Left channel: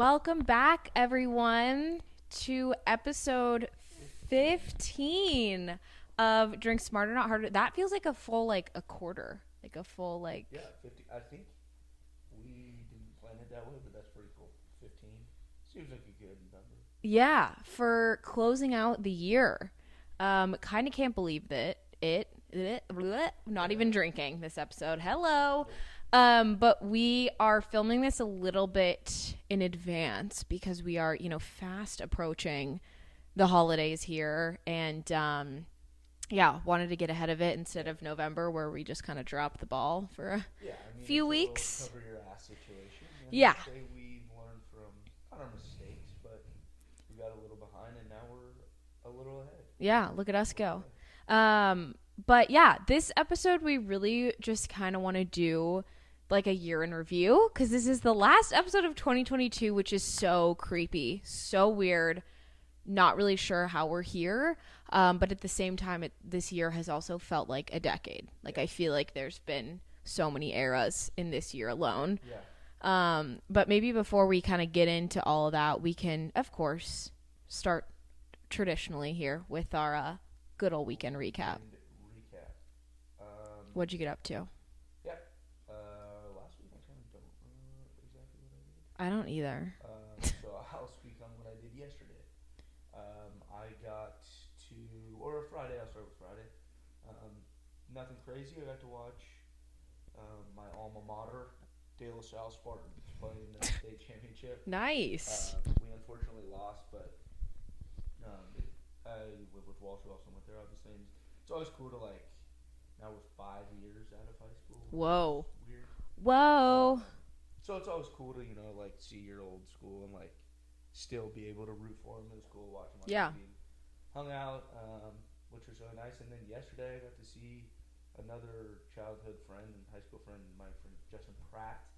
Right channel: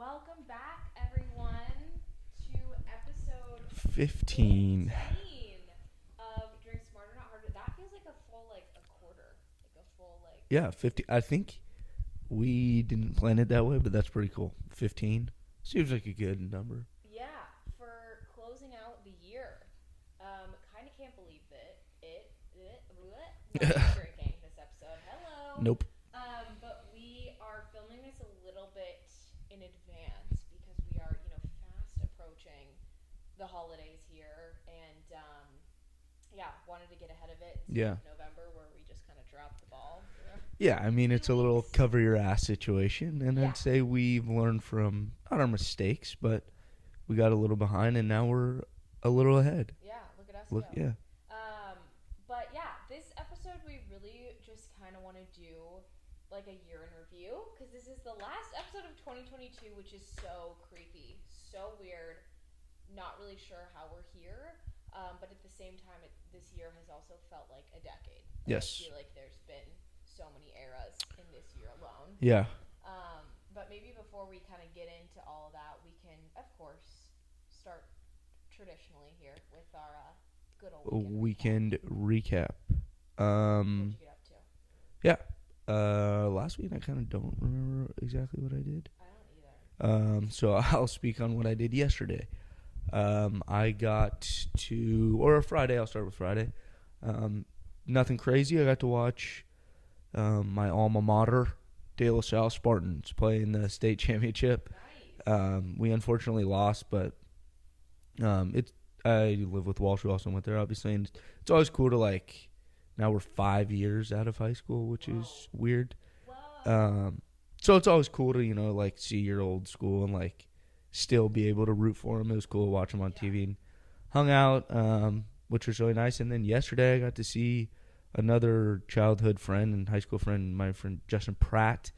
Welcome back, everyone, to episode 15 of Drink Smarter, Not Harder. That feels like a full, a quarter. Like a full, Yeah, 50. I think we didn't plan it that way, but that's pretty cool. 15 seems like a good number. Yeah, for closing out the year. Kind of can't believe that not even drinking this episode. Hello. Nope. But we are filming this a little bit in advance because we are, fast approaching the holidays here. And, wanted to get ahead of it instead of November where we just kind of dropped the ball for a few it's a little weeks. cover your ass situation. And I'd say we've learned from, not our mistakes, but we got a little behind and now we're a little ahead. Yeah, look at us go. Yeah. But yeah, this episode we really just kind of want to do like a year in review because this is the last episode of 2022, which is so creepy, so weird. Not really sure how we're here, but at the same time, this year has also felt like a decade. I feel like there's been so many eras in this year alone. Yeah. But maybe before we kind of get into all of that, we can, of course, start traditionally here with our good old weekend recap. What'd you get up to? Yeah. Last week I kind of don't remember exactly what I did. I don't either. So I'll speak on what I did yesterday. I got Friday. I'll start with Friday. Nothing crazy. I got to watch my alma mater, De La Salle Spartans, play in the state championship. Nice. We unfortunately lost, but I live with Walsh, who also went there, obviously, and it's always cool to now we're 5 years out of high school, which is weird. Whoa. So it's always cool to see your old school and still be able to root for them. It was cool to watch them on TV and hung out, which was really nice. And then yesterday I got to see another childhood friend and high school friend, my friend Justin Pratt.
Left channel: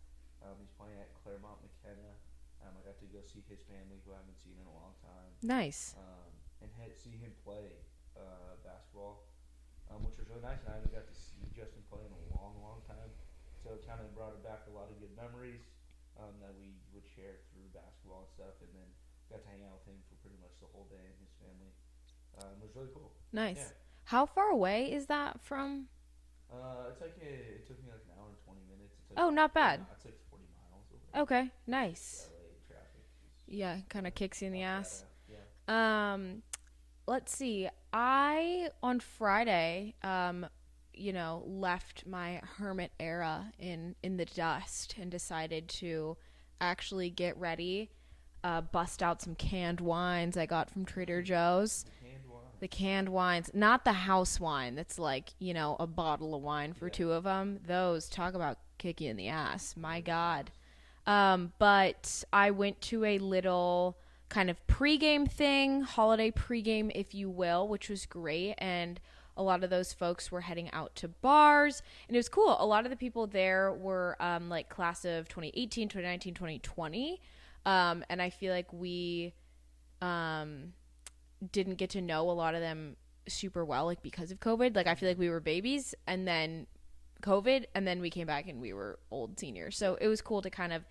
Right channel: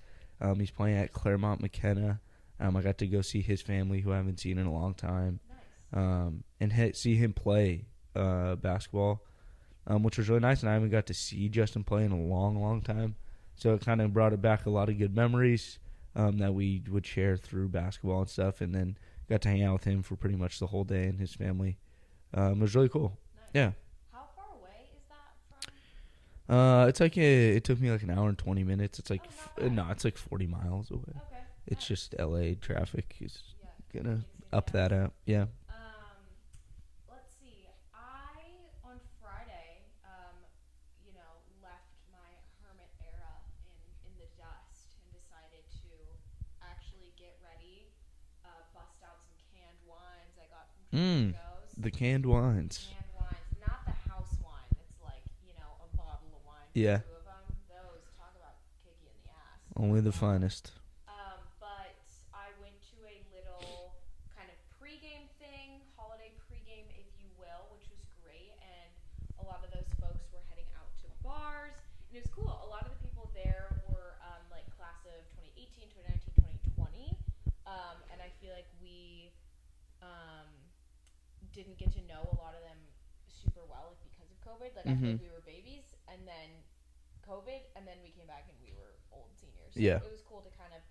He's playing at Claremont McKenna. I got to go see his family, who I haven't seen in a long time. Nice. And see him play basketball, which was really nice. And I haven't got to see Justin play in a long, long time. So it kind of brought back a lot of good memories that we would share through basketball and stuff. And then got to hang out with him for pretty much the whole day and his family. It was really cool. Nice. Yeah. How far away is that from? It took me an hour and 20 minutes. It's not bad. No, it's 40 miles away. Okay, nice. It's just LA traffic. Kind of kicks you in the ass. That out. Yeah. Let's see. I on Friday, left my hermit era in the dust and decided to actually get ready. Bust out some canned wines I got from Trader Joe's. The canned wines. The canned wines. Not the house wine that's a bottle of wine for two of them. Those, talk about kick you in the ass. Only My the God. finest. But I went to a little kind of pregame thing, holiday pregame, if you will, which was great. And a lot of those folks were heading out to bars. And it was cool. A lot of the people there were class of 2018, 2019, 2020. And I feel like we didn't get to know a lot of them super well, because of COVID. I feel like we were babies and then COVID, and then we came back and we were old seniors. So it was cool to kind of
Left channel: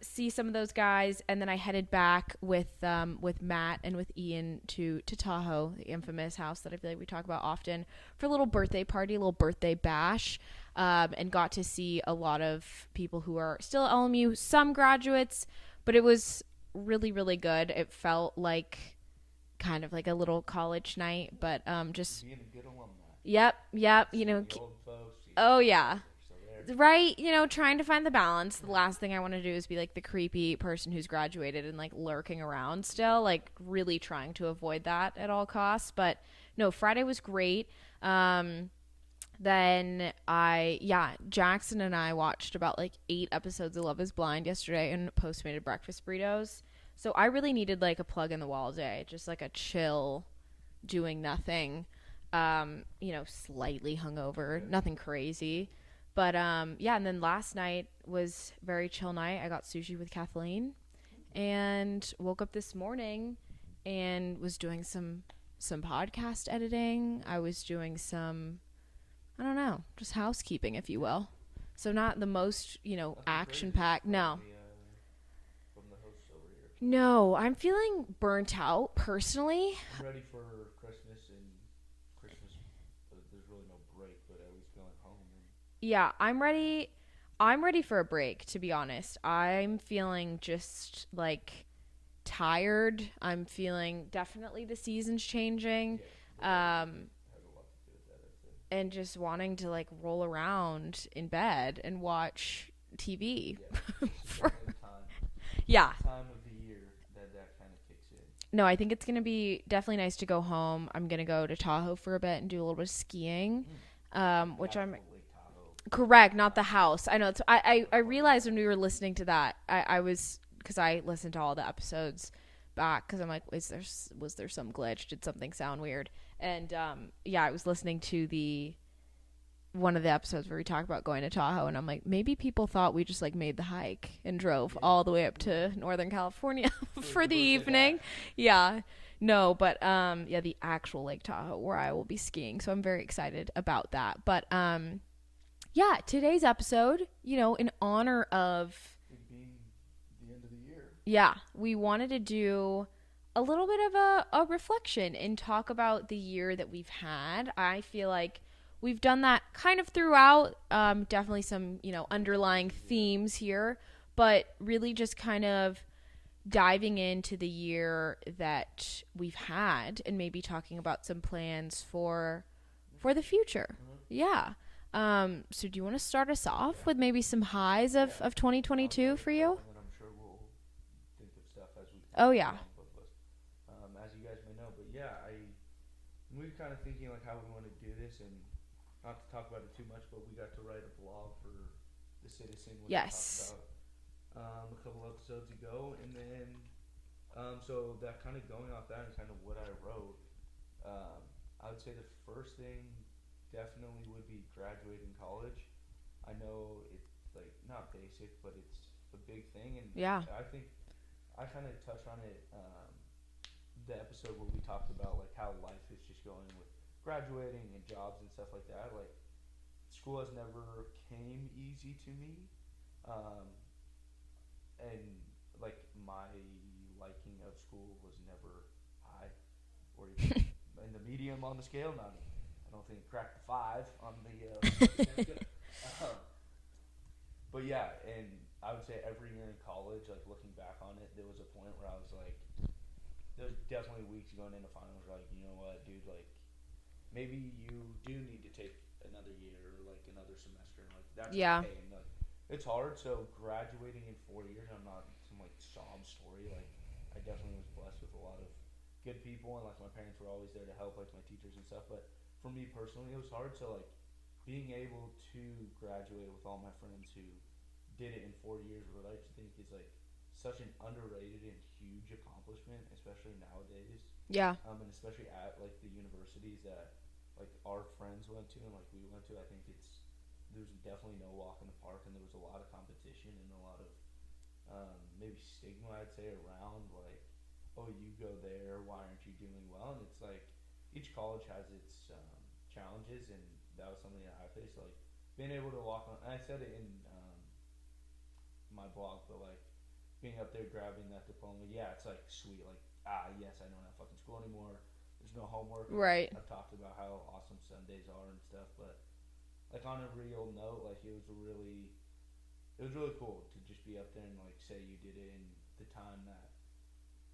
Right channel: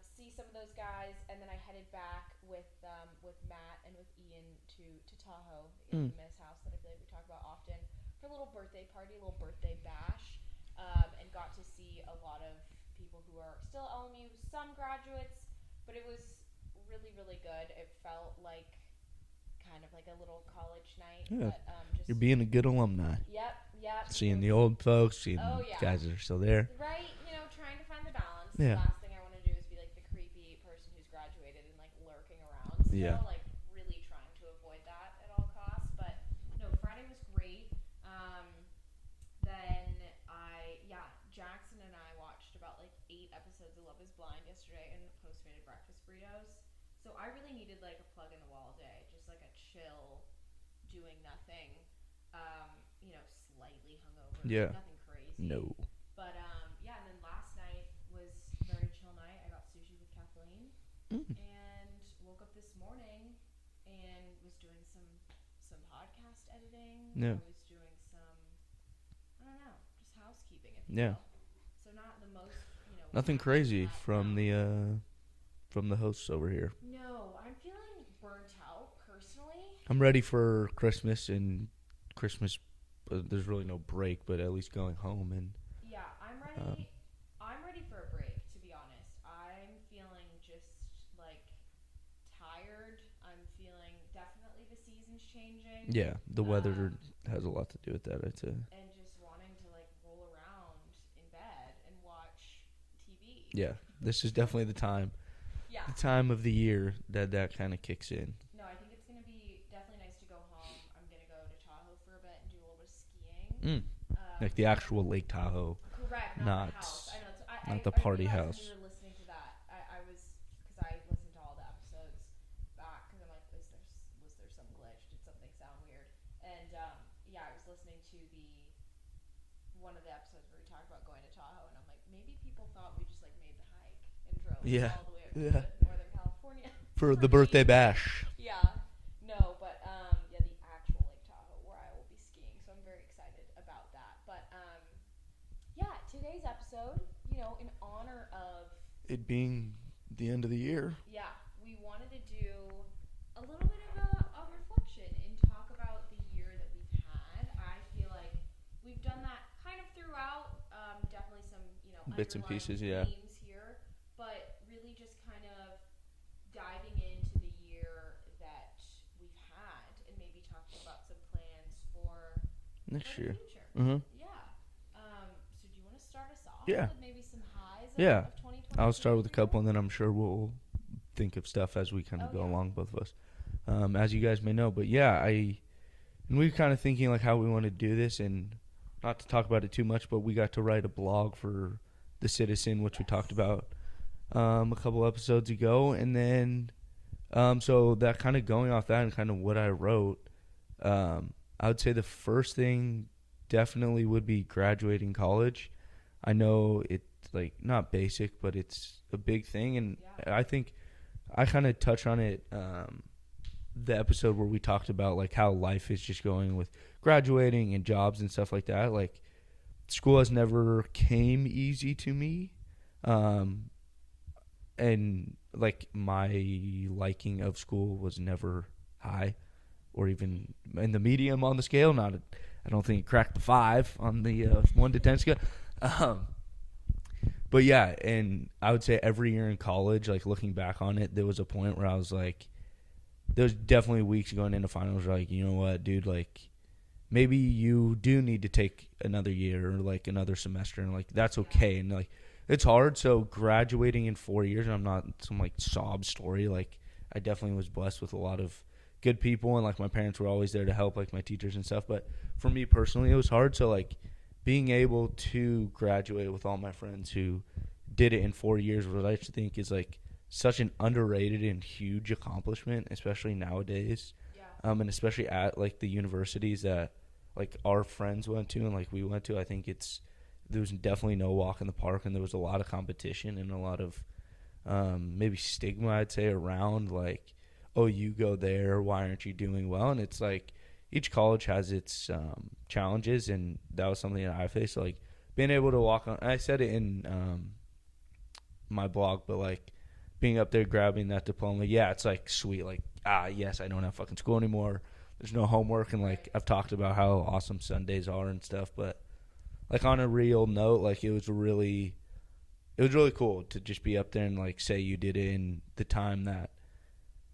see some of those guys. And then I headed back with Matt and with Ian to Tahoe, the infamous house that I feel like we talk about often, for a little birthday party, a little birthday bash. And got to see a lot of people who are still at LMU, some graduates, but it was really, really good. It felt like kind of like a little college night, but just you're being a good alumni. Yep. Seeing the old folks, seeing the guys that are still there. Right, trying to find the balance. Yeah. The last thing I want to do is be the creepy person who's graduated and lurking around still, really trying to avoid that at all costs. But no, Friday was great. Then Jackson and I watched about 8 episodes of Love is Blind yesterday and Postmated breakfast burritos. So I really needed a plug in the wall day, just a chill, doing nothing, slightly hungover, nothing crazy. No. But and then last night was a very chill night. I got sushi with Kathleen and woke up this morning and was doing some podcast editing. Yeah. I was doing some, I don't know, just housekeeping, if you will. So not the most, nothing action crazy packed. from from the hosts over here? No, I'm feeling burnt out personally. I'm ready for Christmas and Christmas. There's really no break, but at least going home and. Yeah, I'm ready. I'm ready for a break, to be honest. I'm feeling just like tired. I'm feeling definitely the season's changing. Yeah, the weather has a lot to do with that, I'd say. And just wanting to like roll around in bed and watch TV. Yeah, this is definitely the time. Yeah. The time of the year that kind of kicks in. No, I think it's going to be definitely nice to go home. I'm going to go to Tahoe for a bit and do a little bit of skiing. Like the actual Lake Tahoe. Correct, not the house. I know. I realized house. when we were listening to that, I was, because I listened to all the episodes back, because I'm like, was there some glitch? Did something sound weird? And I was listening to one of the episodes where we talk about going to Tahoe, and I'm like, maybe people thought we just like made the hike and drove all the way up to Northern California for the birthday evening. Bash. Yeah. No, but the actual Lake Tahoe where I will be skiing. So I'm very excited about that. But today's episode, in honor of it being the end of the year. Yeah, we wanted to do a little bit of a reflection and talk about the year that we've had. I feel like we've done that kind of throughout. Definitely some, underlying themes here, but really just kind of diving into the year that we've had and maybe talking about some plans for the future. Mm-hmm. Yeah. So do you want to start us off with maybe some highs of 2022 I'll start with for a couple, and then I'm sure we'll think of stuff as we kind of go along, both of us. As you guys may know, but we were kind of thinking like how we want to do this, and not to talk about it too much, but we got to write a blog for The Citizen, which we talked about a couple episodes ago. And then so that kind of going off that and kind of what I wrote, I would say the first thing definitely would be graduating college. I know it's like not basic, but it's a big thing, and I think I kind of touched on it the episode where we talked about like how life is just going with graduating and jobs and stuff like that. Like, school has never came easy to me, and like my liking of school was never high or even in the medium on the scale. I don't think it cracked the 5 on the 1 to 10 scale. But yeah, and I would say every year in college, like looking back on it, there was a point where I was like, there was definitely weeks going into finals where like, you know what, dude, like maybe you do need to take another year or like another semester, and like that's okay. And like it's hard. So graduating in 4 years, and I'm not some like sob story. Like I definitely was blessed with a lot of good people, and like my parents were always there to help, like my teachers and stuff. But for me personally, it was hard. So like being able to graduate with all my friends who did it in 4 years, what I think is like such an underrated and huge accomplishment, especially nowadays. Yeah. And especially at like the universities that like our friends went to and like we went to. I think there was definitely no walk in the park, and there was a lot of competition and a lot of maybe stigma, I'd say, around like, oh, you go there, why aren't you doing well? And it's like each college has its challenges, and that was something that I faced. So, like being able to walk on, I said it in my blog, but like being up there grabbing that diploma, it's like sweet, like yes, I don't have fucking school anymore. There's no homework, and like I've talked about how awesome Sundays are and stuff, but like on a real note, like it was really cool to just be up there and like say you did it in the time that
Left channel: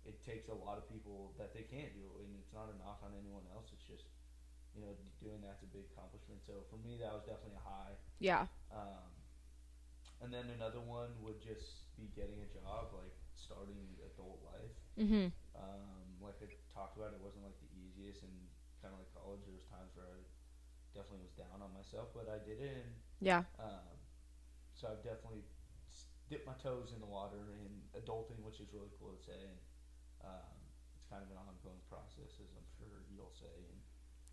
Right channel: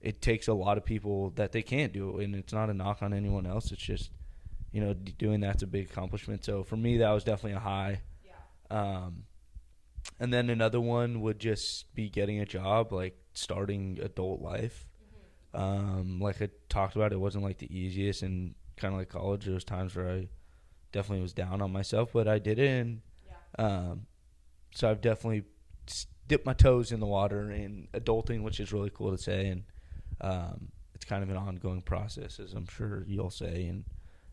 it takes a lot of people that they can't do it. And it's not a knock on anyone else. It's just, doing that's a big accomplishment. So for me, that was definitely a high. Yeah. And then another one would just be getting a job, like starting adult life. Mm-hmm. Like I talked about, it wasn't like the easiest, and kind of like college, there was times where I definitely was down on myself, but I did it. And so I've definitely dipped my toes in the water in adulting, which is really cool to say. And it's kind of an ongoing process, as I'm sure you'll say, and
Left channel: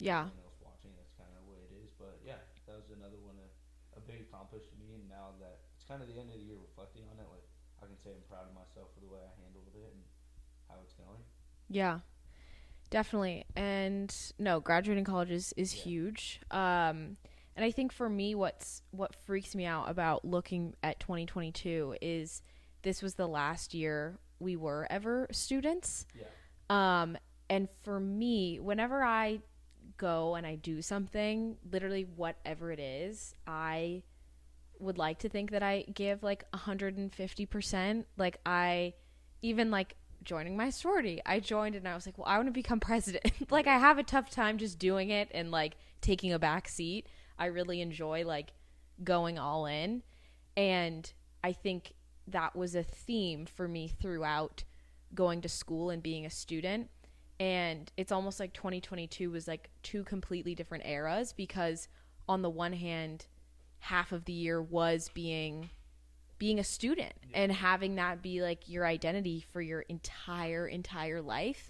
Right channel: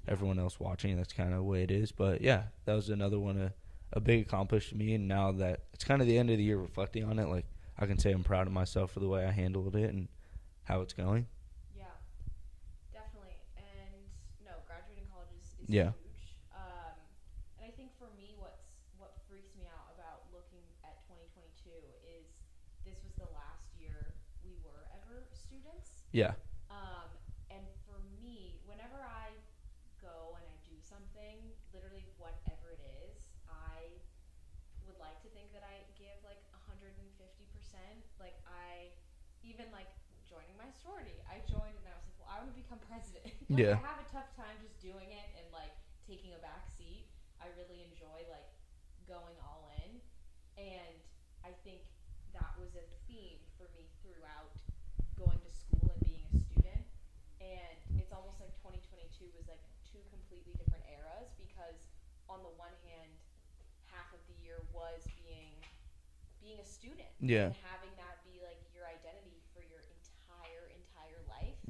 everyone else watching, that's kind of the way it is. But yeah, that was another one, a big accomplishment to me. And now that it's kind of the end of the year, reflecting on it, like I can say I'm proud of myself for the way I handled it and how it's going. Yeah, definitely. And no, graduating college is huge. And I think for me, what freaks me out about looking at 2022 is this was the last year we were ever students. Yeah. And for me, whenever I go and I do something, literally whatever it is, I would like to think that I give like 150%. Like I even like joining my sorority, I joined and I was like, well, I want to become president. Like I have a tough time just doing it and like taking a back seat. I really enjoy like going all in. And I think that was a theme for me throughout going to school and being a student. And it's almost like 2022 was like two completely different eras, because on the one hand, half of the year was being a student and having that be like your identity for your entire life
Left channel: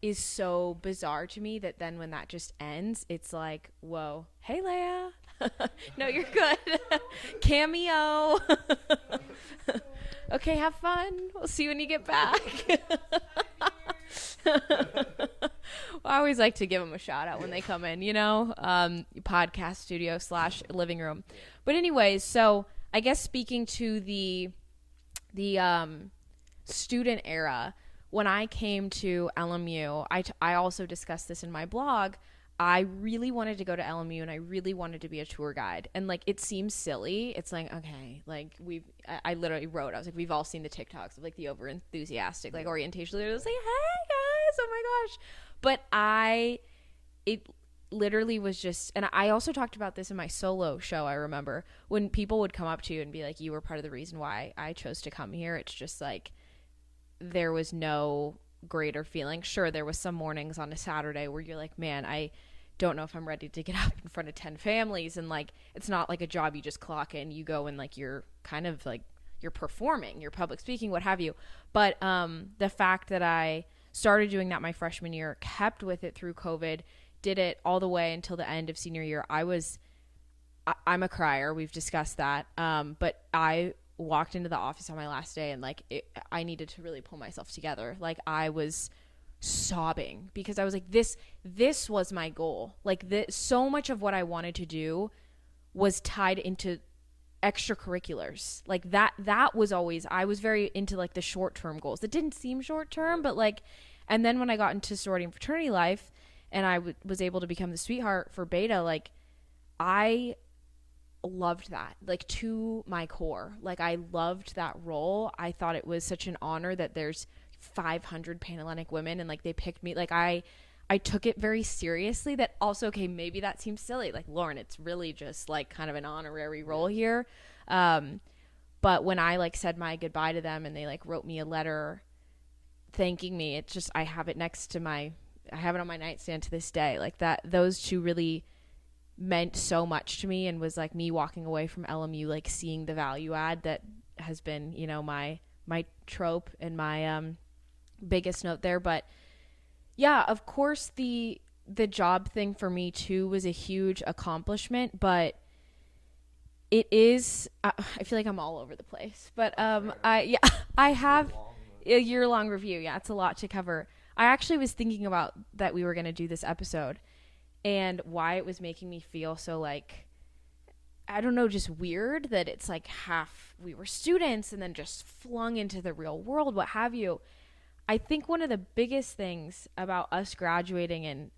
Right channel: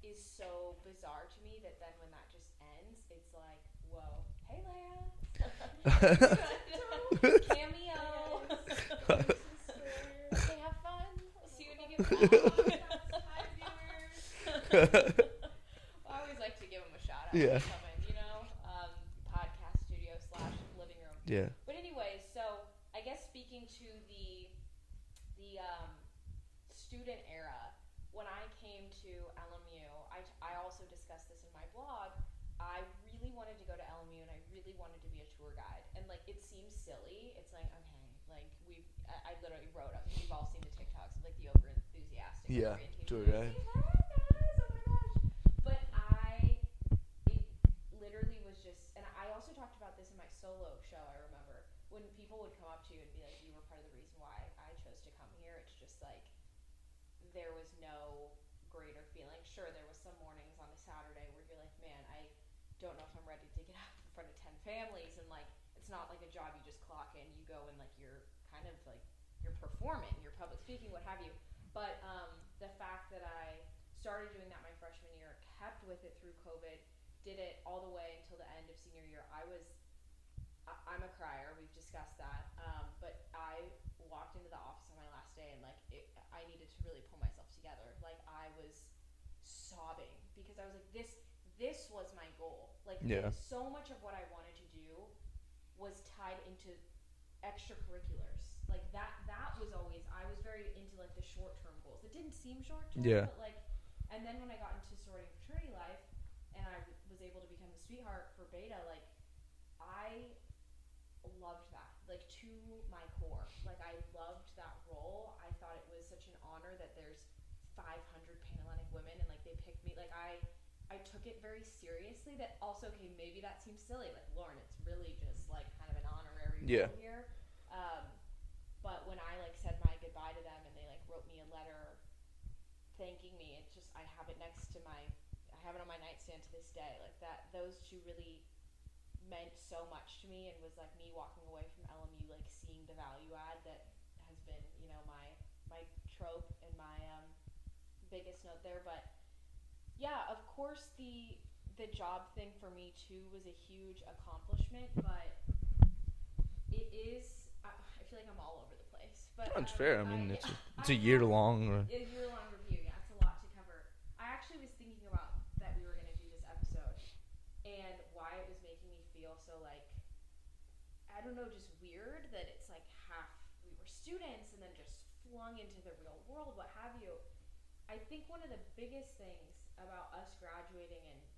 is so bizarre to me, that then when that just ends, it's like, whoa, hey Leia. No, you're good. Cameo. Okay, have fun. We'll see you when you get back. I always like to give them a shout out when they come in, you know, podcast studio / living room. Yeah. But anyways, so I guess speaking to the student era, when I came to LMU, I also discussed this in my blog. I really wanted to go to LMU and I really wanted to be a tour guide. And like, it seems silly. It's like, okay, like I literally wrote, I was like, we've all seen the TikToks of like the over enthusiastic, like orientation leaders like, hey guys, oh my gosh. But it literally was just, and I also talked about this in my solo show. I remember when people would come up to you and be like, you were part of the reason why I chose to come here. It's just like, there was no greater feeling. Sure, there was some mornings on a Saturday where you're like, man, I don't know if I'm ready to get up in front of 10 families. And like, it's not like a job you just clock in, you go and like, you're kind of like, you're performing, you're public speaking, what have you. But the fact that I started doing that my freshman year, kept with it through COVID, did it all the way until the end of senior year. I'm a crier. We've discussed that. But I walked into the office on my last day and like, I needed to really pull myself together. Like I was sobbing because I was like, this was my goal. Like so much of what I wanted to do was tied into extracurriculars. Like that was always, I was very into like the short-term goals that didn't seem short-term, but like, and then when I got into sorority and fraternity life and I was able to become the sweetheart for Beta, like I loved that, like to my core. Like I loved that role. I thought it was such an honor that there's 500 Panhellenic women and like they picked me. Like I took it very seriously. That also, okay, maybe that seems silly, like Lauren, it's really just like kind of an honorary role here. But when I like said my goodbye to them and they like wrote me a letter thanking me, it's just, I have it I have it on my nightstand to this day. Like that, those two really meant so much to me, and was like me walking away from LMU, like seeing the value add that has been, you know, my trope and my biggest note there. But yeah, of course the job thing for me too was a huge accomplishment, but it is, I feel like I'm all over the place, but I have a year-long review. Yeah, it's a lot to cover. I actually was thinking about that we were going to do this episode and why it was making me feel so like, I don't know, just weird that it's like half we were students and then just flung into the real world, what have you. I think one of the biggest things about us graduating and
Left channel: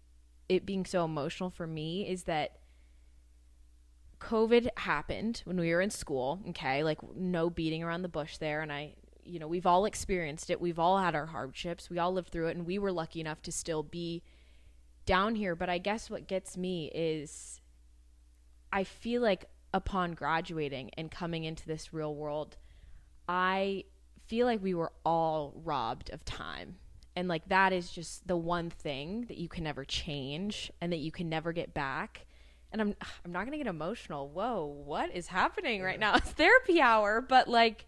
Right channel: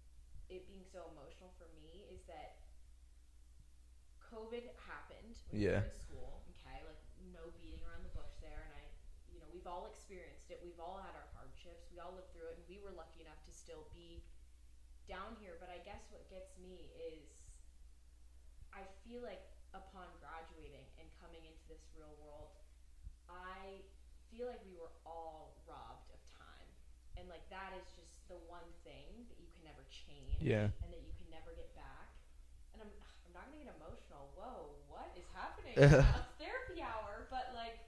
it being so emotional for me is that COVID happened when we were in school. Okay. Like no beating around the bush there. And you know, we've all experienced it. We've all had our hardships. We all lived through it, and we were lucky enough to still be down here. But I guess what gets me is I feel like upon graduating and coming into this real world, I feel like we were all robbed of time. And like that is just the one thing that you can never change and that you can never get back. And I'm not going to get emotional. Whoa, what is happening right now? It's therapy hour, but like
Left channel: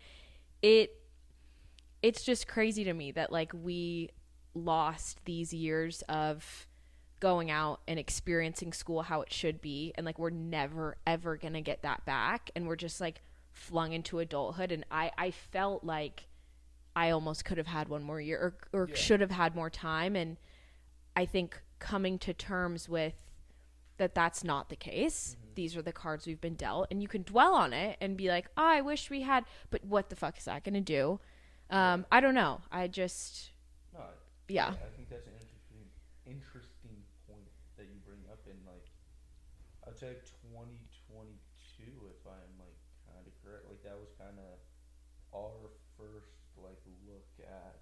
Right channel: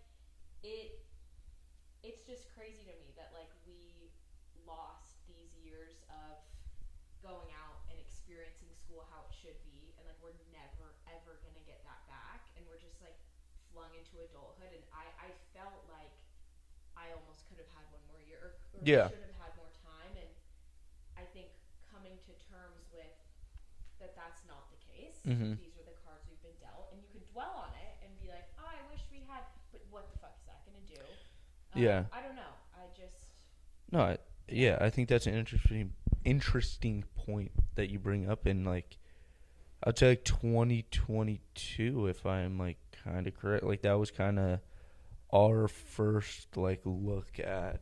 it's just crazy to me that like we lost these years of going out and experiencing school how it should be, and like we're never ever gonna get that back, and we're just like flung into adulthood. And I felt like I almost could have had one more year or should have had more time. And I think coming to terms with that that's not the case. These are the cards we've been dealt, and you can dwell on it and be like, oh, I wish we had, but what the fuck is that going to do? I don't know. I just... No, I think that's an interesting point that you bring up. And like, I'd say like 2022, if I'm like kind of correct, like that was kind of our first like look at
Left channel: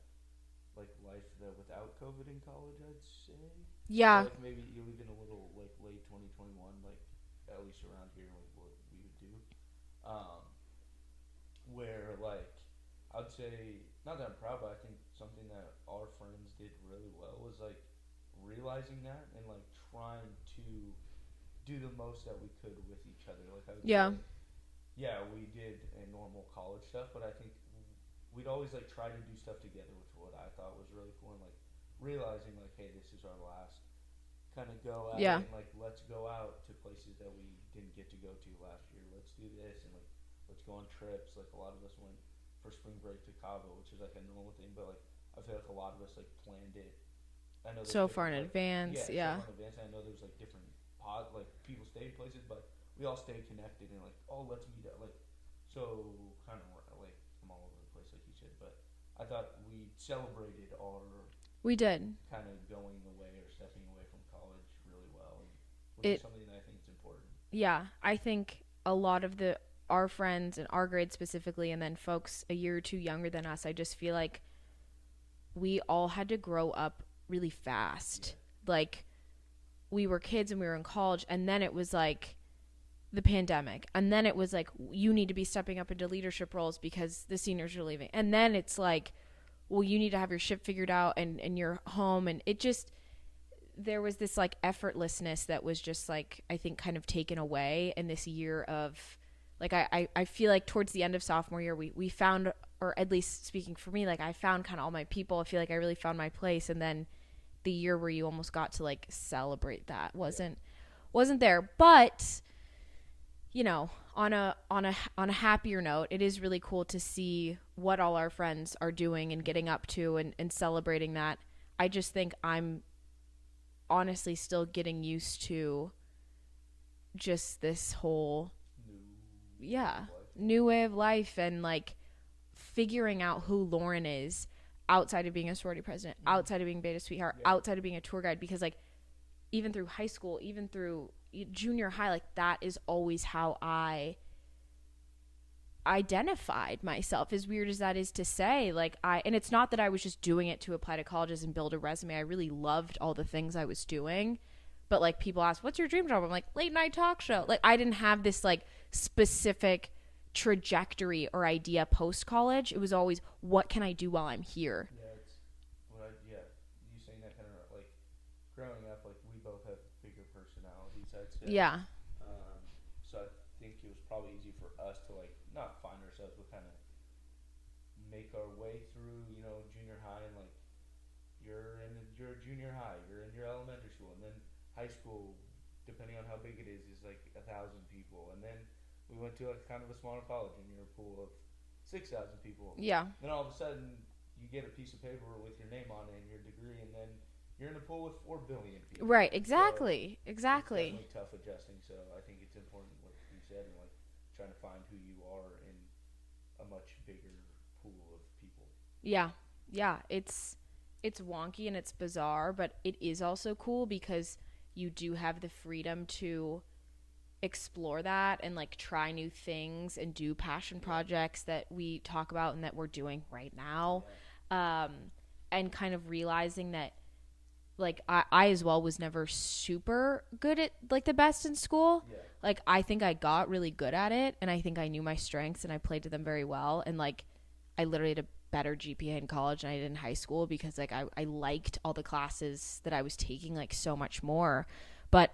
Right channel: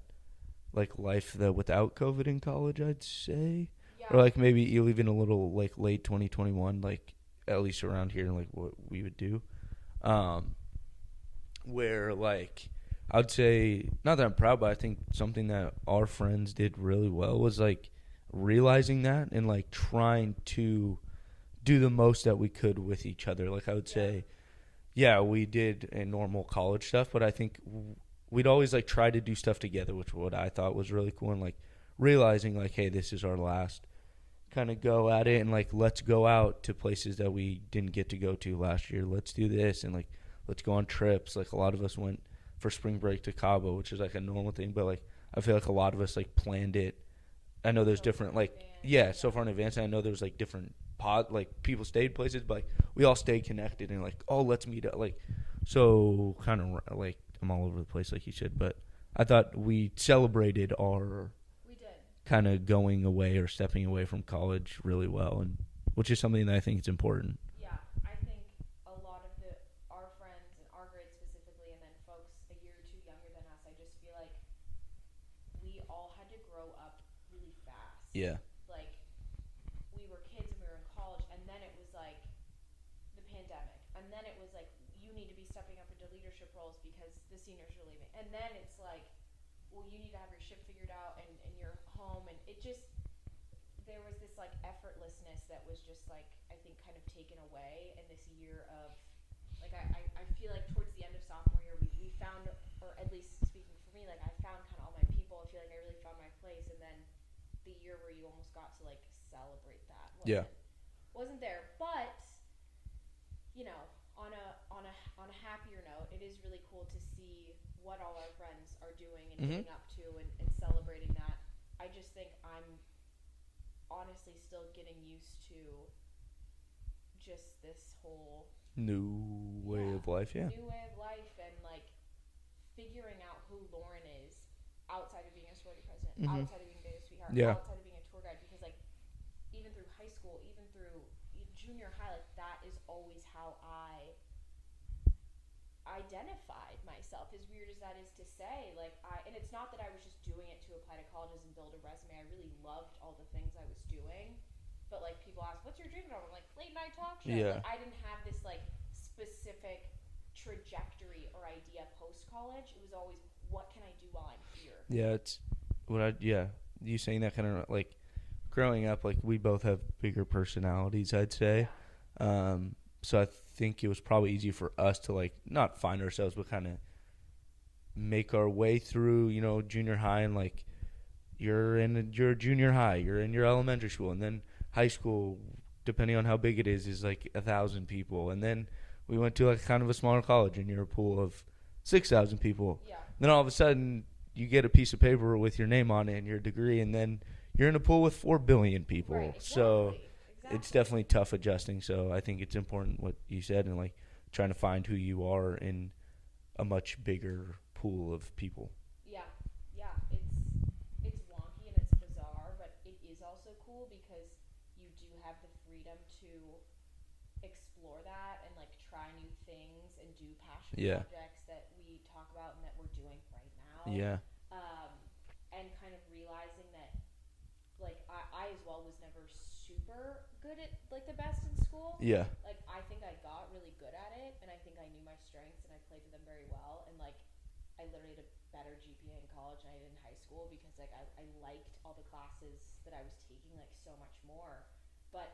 like life that without COVID in college, I'd say. Yeah. Or like maybe even a little like late 2021, like at least around here, like what we would do. Where like, I'd say, not that I'm proud, but I think something that our friends did really well was like realizing that and like trying to do the most that we could with each other. Like I would say, yeah, we did a normal college stuff, but I think we'd always like try to do stuff together, which what I thought was really cool. And like realizing like, hey, this is our last kind of go at it, and like let's go out to places that we didn't get to go to last year. Let's do this, and like let's go on trips. Like a lot of us went for spring break to Cabo, which is like a normal thing, but like I feel like a lot of us like planned it. I know there's different like so far in advance. And I know there was like different people stayed places, but like we all stayed connected and like, oh, let's meet up. Like, so kind of like I'm all over the place like you said, but I thought we celebrated we did kind of going away or stepping away from college really well, and which is something that I think is important. Yeah, I think a lot of our friends in our grade specifically, and then folks a year or two younger than us, I just feel like we all had to grow up really fast. Yeah. Like, we were kids and we were in college, and then it was like the pandemic, and then it was like you need to be stepping up into leadership roles because the seniors are leaving, and then it's like, well, you need to have your shit figured out and you're home, and it just, there was this like effortlessness that was just like, I think kind of taken away in this year of like, I feel like towards the end of sophomore year we found, or at least speaking for me, like I found kind of all my people. I feel like I really found my place, and then the year where you almost got to like celebrate that wasn't there. But you know, on a happier note, it is really cool to see what all our friends are doing and getting up to and celebrating that. I just think I'm honestly still getting used to just this whole new way of life. New way of life, and like figuring out who Lauren is outside of being a sorority president, outside of being Beta Sweetheart, outside of being a tour guide, because like even through high school, even through junior high, like that is always how I identified myself, as weird as that is to say. Like and it's not that I was just doing it to apply to colleges and build a resume. I really loved all the things I was doing, but like people ask, what's your dream job? I'm like, late night talk show. Like I didn't have this like specific trajectory or idea post college. It was always, what can I do while I'm here? It's what you saying that kind of like growing up, like we both have bigger personalities, I'd say. So I think it was probably easy for us to like not find ourselves, but kind of make our way through, you know, junior high, and like you're in your junior high, you're in your elementary school, and then high school, depending on how big it is like 1,000 people, and then we went to like kind of a smaller college and you're a pool of 6,000 people. Then all of a sudden you get a piece of paper with your name on it and your degree, and then you're in a pool with 4 billion people. Right, exactly. So it's definitely tough adjusting. So I think it's important what you said, and like trying to find who you are in a much bigger pool of people. Yeah. It's wonky and it's bizarre, but it is also cool because you do have the freedom to explore that and like try new things and do passion projects that we talk about and that we're doing right now. And kind of realizing that like I as well was never super good at like the best in school. Like I think I got really good at it, and I think I knew my strengths and I played to them very well, and like I literally had a better GPA in college than I did in high school because like I liked all the classes that I was taking like so much more. But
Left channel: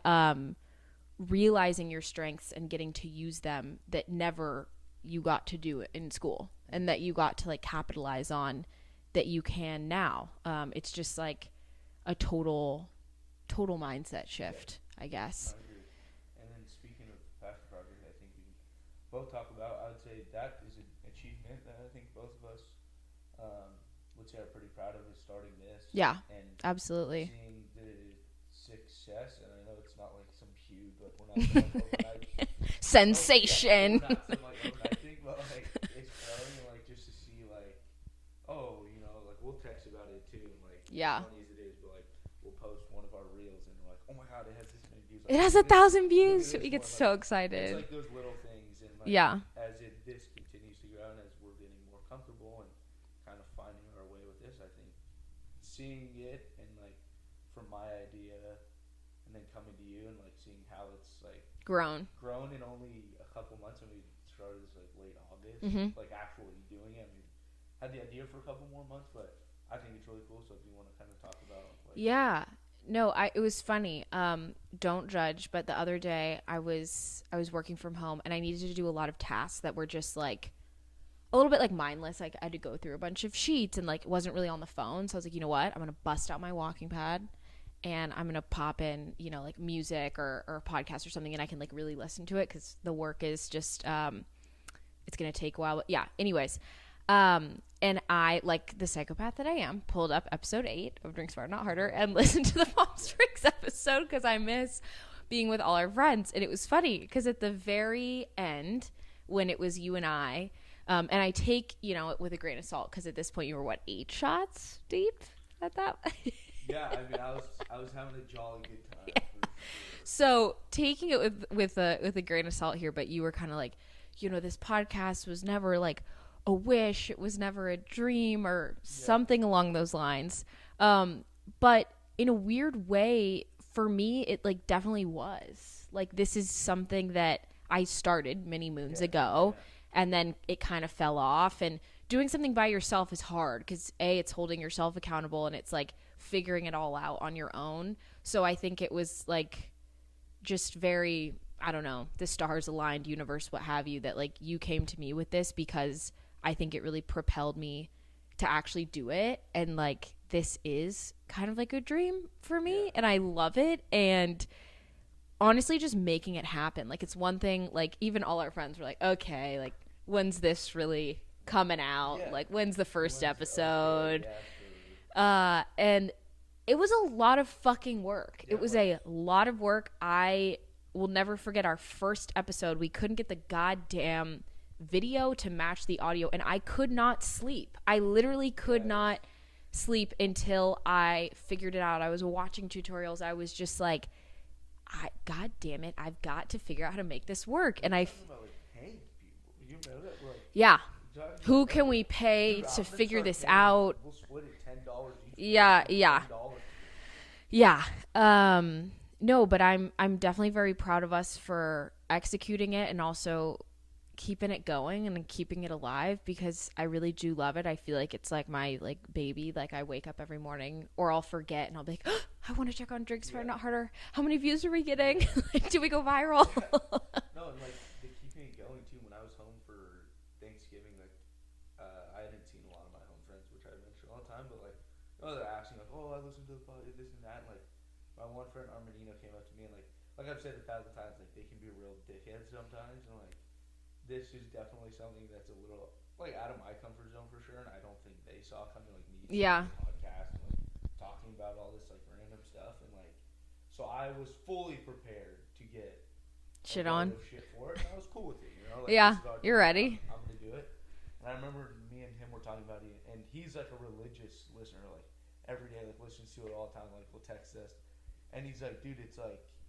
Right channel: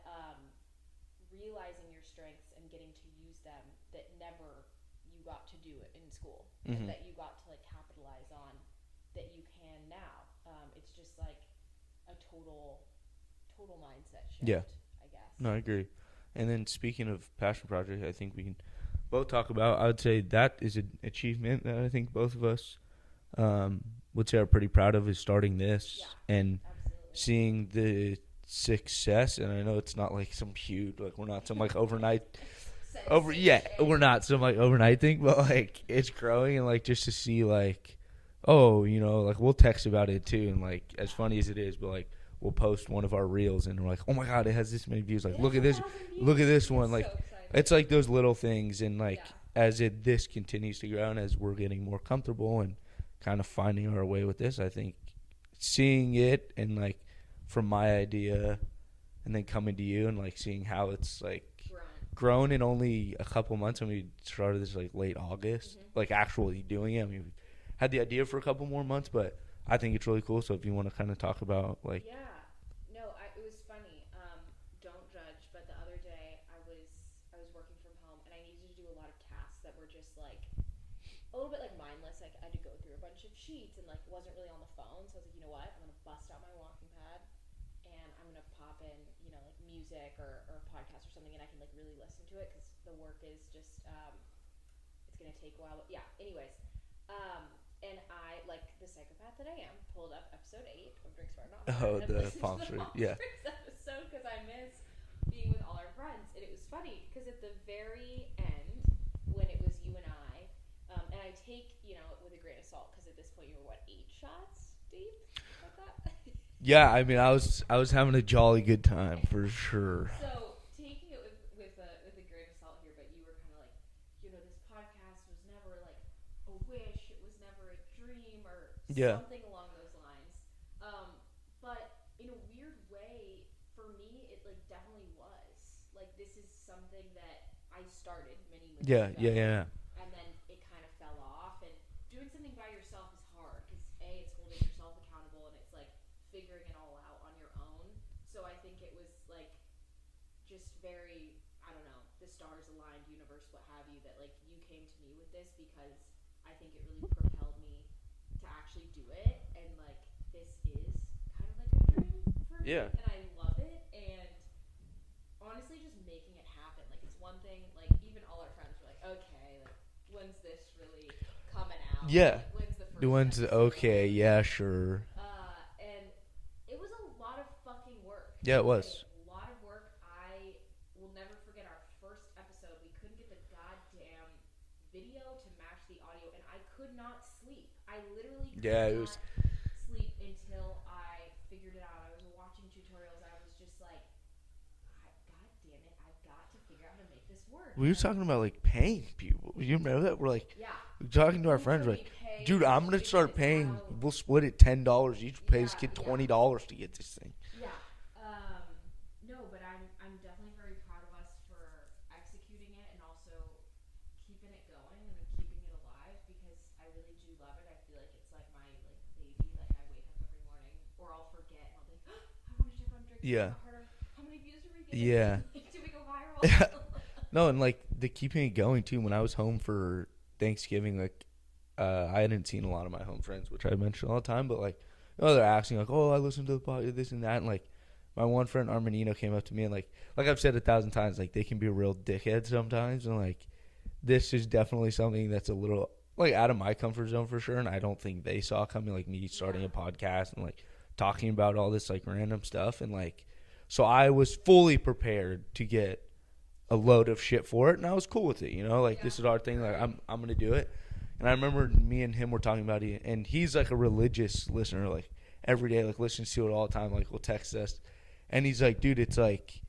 realizing your strengths and getting to use them that never you got to do it in school, and that you got to like capitalize on that you can now. It's just like a total mindset shift, I guess. No, I agree. And then speaking of passion project, I think we can both talk about, I would say that is an achievement that I think both of us would say are pretty proud of, is starting this. Yeah, and absolutely seeing the success, and I know it's not like some huge, like we're not some like overnight sensation. We're not some like overnight thing, but like it's growing, and like just to see like, oh, you know, like we'll text about it too, and like as funny as it is, but like we'll post one of our reels and we're like, oh my god, it has this many views. Like, it has 1,000 views. Look at this one. Like, so excited. It's like those little things, and like as this continues to grow and as we're getting more comfortable and kind of finding our way with this, I think seeing it and like from my idea and then coming to you and like seeing how it's like grown in only a couple months. When we started this like late August, like actually doing it. I mean, we had the idea for a couple more months, but I think it's really cool. So if you want to kind of talk about like, it was funny. Don't judge, but the other day I was working from home and I needed to do a lot of tasks that were just like a little bit like mindless. Like I had to go through a bunch of sheets and like it wasn't really on the phone. So I was like, you know what? I'm gonna bust out my walking pad and I'm gonna pop in, you know, like music or a podcast or something, and I can like really listen to it because the work is just it's gonna take a while. But yeah. Anyways. And I, like the psychopath that I am, pulled up episode 8 of Drink Smarter Not Harder and listened to the Palm Springs episode because I miss being with all our friends. And it was funny because at the very end, when it was you and I, and I take, you know, it with a grain of salt because at this point you were, 8 shots deep at that? Yeah, I mean, I was having a jolly good time for sure. So taking it with a grain of salt here, but you were kind of like, you know, this podcast was never like a wish, it was never a dream or something along those lines, but in a weird way for me it like definitely was like, this is something that I started many moons ago and then it kind of fell off. And doing something by yourself is hard because it's holding yourself accountable and it's like figuring it all out on your own. So I think it was like just very, I don't know, the stars aligned, universe, what have you, that like you came to me with this because I think it really propelled me to actually do it. And like, this is kind of like a dream for me and I love it. And honestly, just making it happen. Like, it's one thing, like even all our friends were like, okay, like when's this really coming out? Yeah. Like when's the first episode? Okay. Yeah, sure. And it was a lot of fucking work. Yeah, it was a lot of work. I will never forget our first episode. We couldn't get the goddamn video to match the audio and I could not sleep. I literally could not sleep until I figured it out. I was watching tutorials. I was just like, God damn it, I've got to figure out how to make this work. We were talking about like paying people. You remember that? We're like, talking to who our friends, can we pay dude, to figure this out? We'll split it $10 each. Yeah, $20 to get this thing. Yeah. No, but I'm definitely very proud of us for executing it and also keeping it going and keeping it alive because I really do love it. I feel like it's like my like baby. Like I wake up every morning or I'll forget and I'll be like, oh, I want to check on Drink Smarter Not Harder. How many views are we getting? Like, do we go viral? No, and like the keeping it going too. When I was home for Thanksgiving, like I hadn't seen a lot of my home friends, which I mention all the time, but like, you know, they're asking like, oh, I listened to the podcast, this and that, and like my one friend Armanino came up to me and like I've said 1,000 times, like they can be a real dickhead sometimes, and like this is definitely something that's a little like out of my comfort zone for sure, and I don't think they saw coming, like me starting a podcast and like talking about all this like random stuff, and like so I was fully prepared to get a load of shit for it, and I was cool with it, you know, like this is our thing, you're ready. I'm gonna do it. And I remember me and him were talking about it, and he's like a religious listener, like every day, like listens to it all the time, like will text us, and he's like, dude, it's like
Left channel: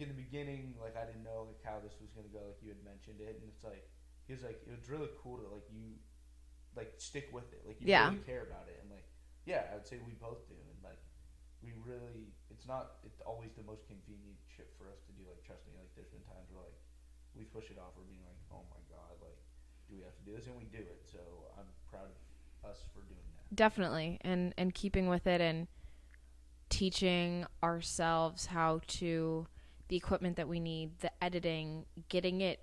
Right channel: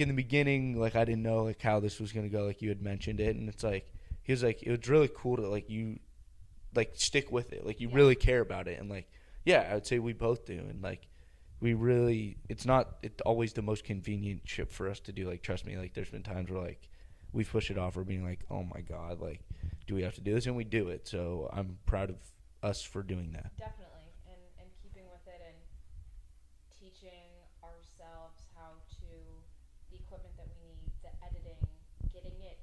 in the beginning, like I didn't know like how this was gonna go, like you had mentioned it, and it's like he was like, it was really cool to like you like stick with it, like you really care about it, and like I would say we both do, and like we really, it's always the most convenient shit for us to do, like trust me, like there's been times where like we've pushed it off or being like, oh my god, like do we have to do this, and we do it, so I'm proud of us for doing that. Definitely, and keeping with it and teaching ourselves how to, the equipment that we need, the editing, getting it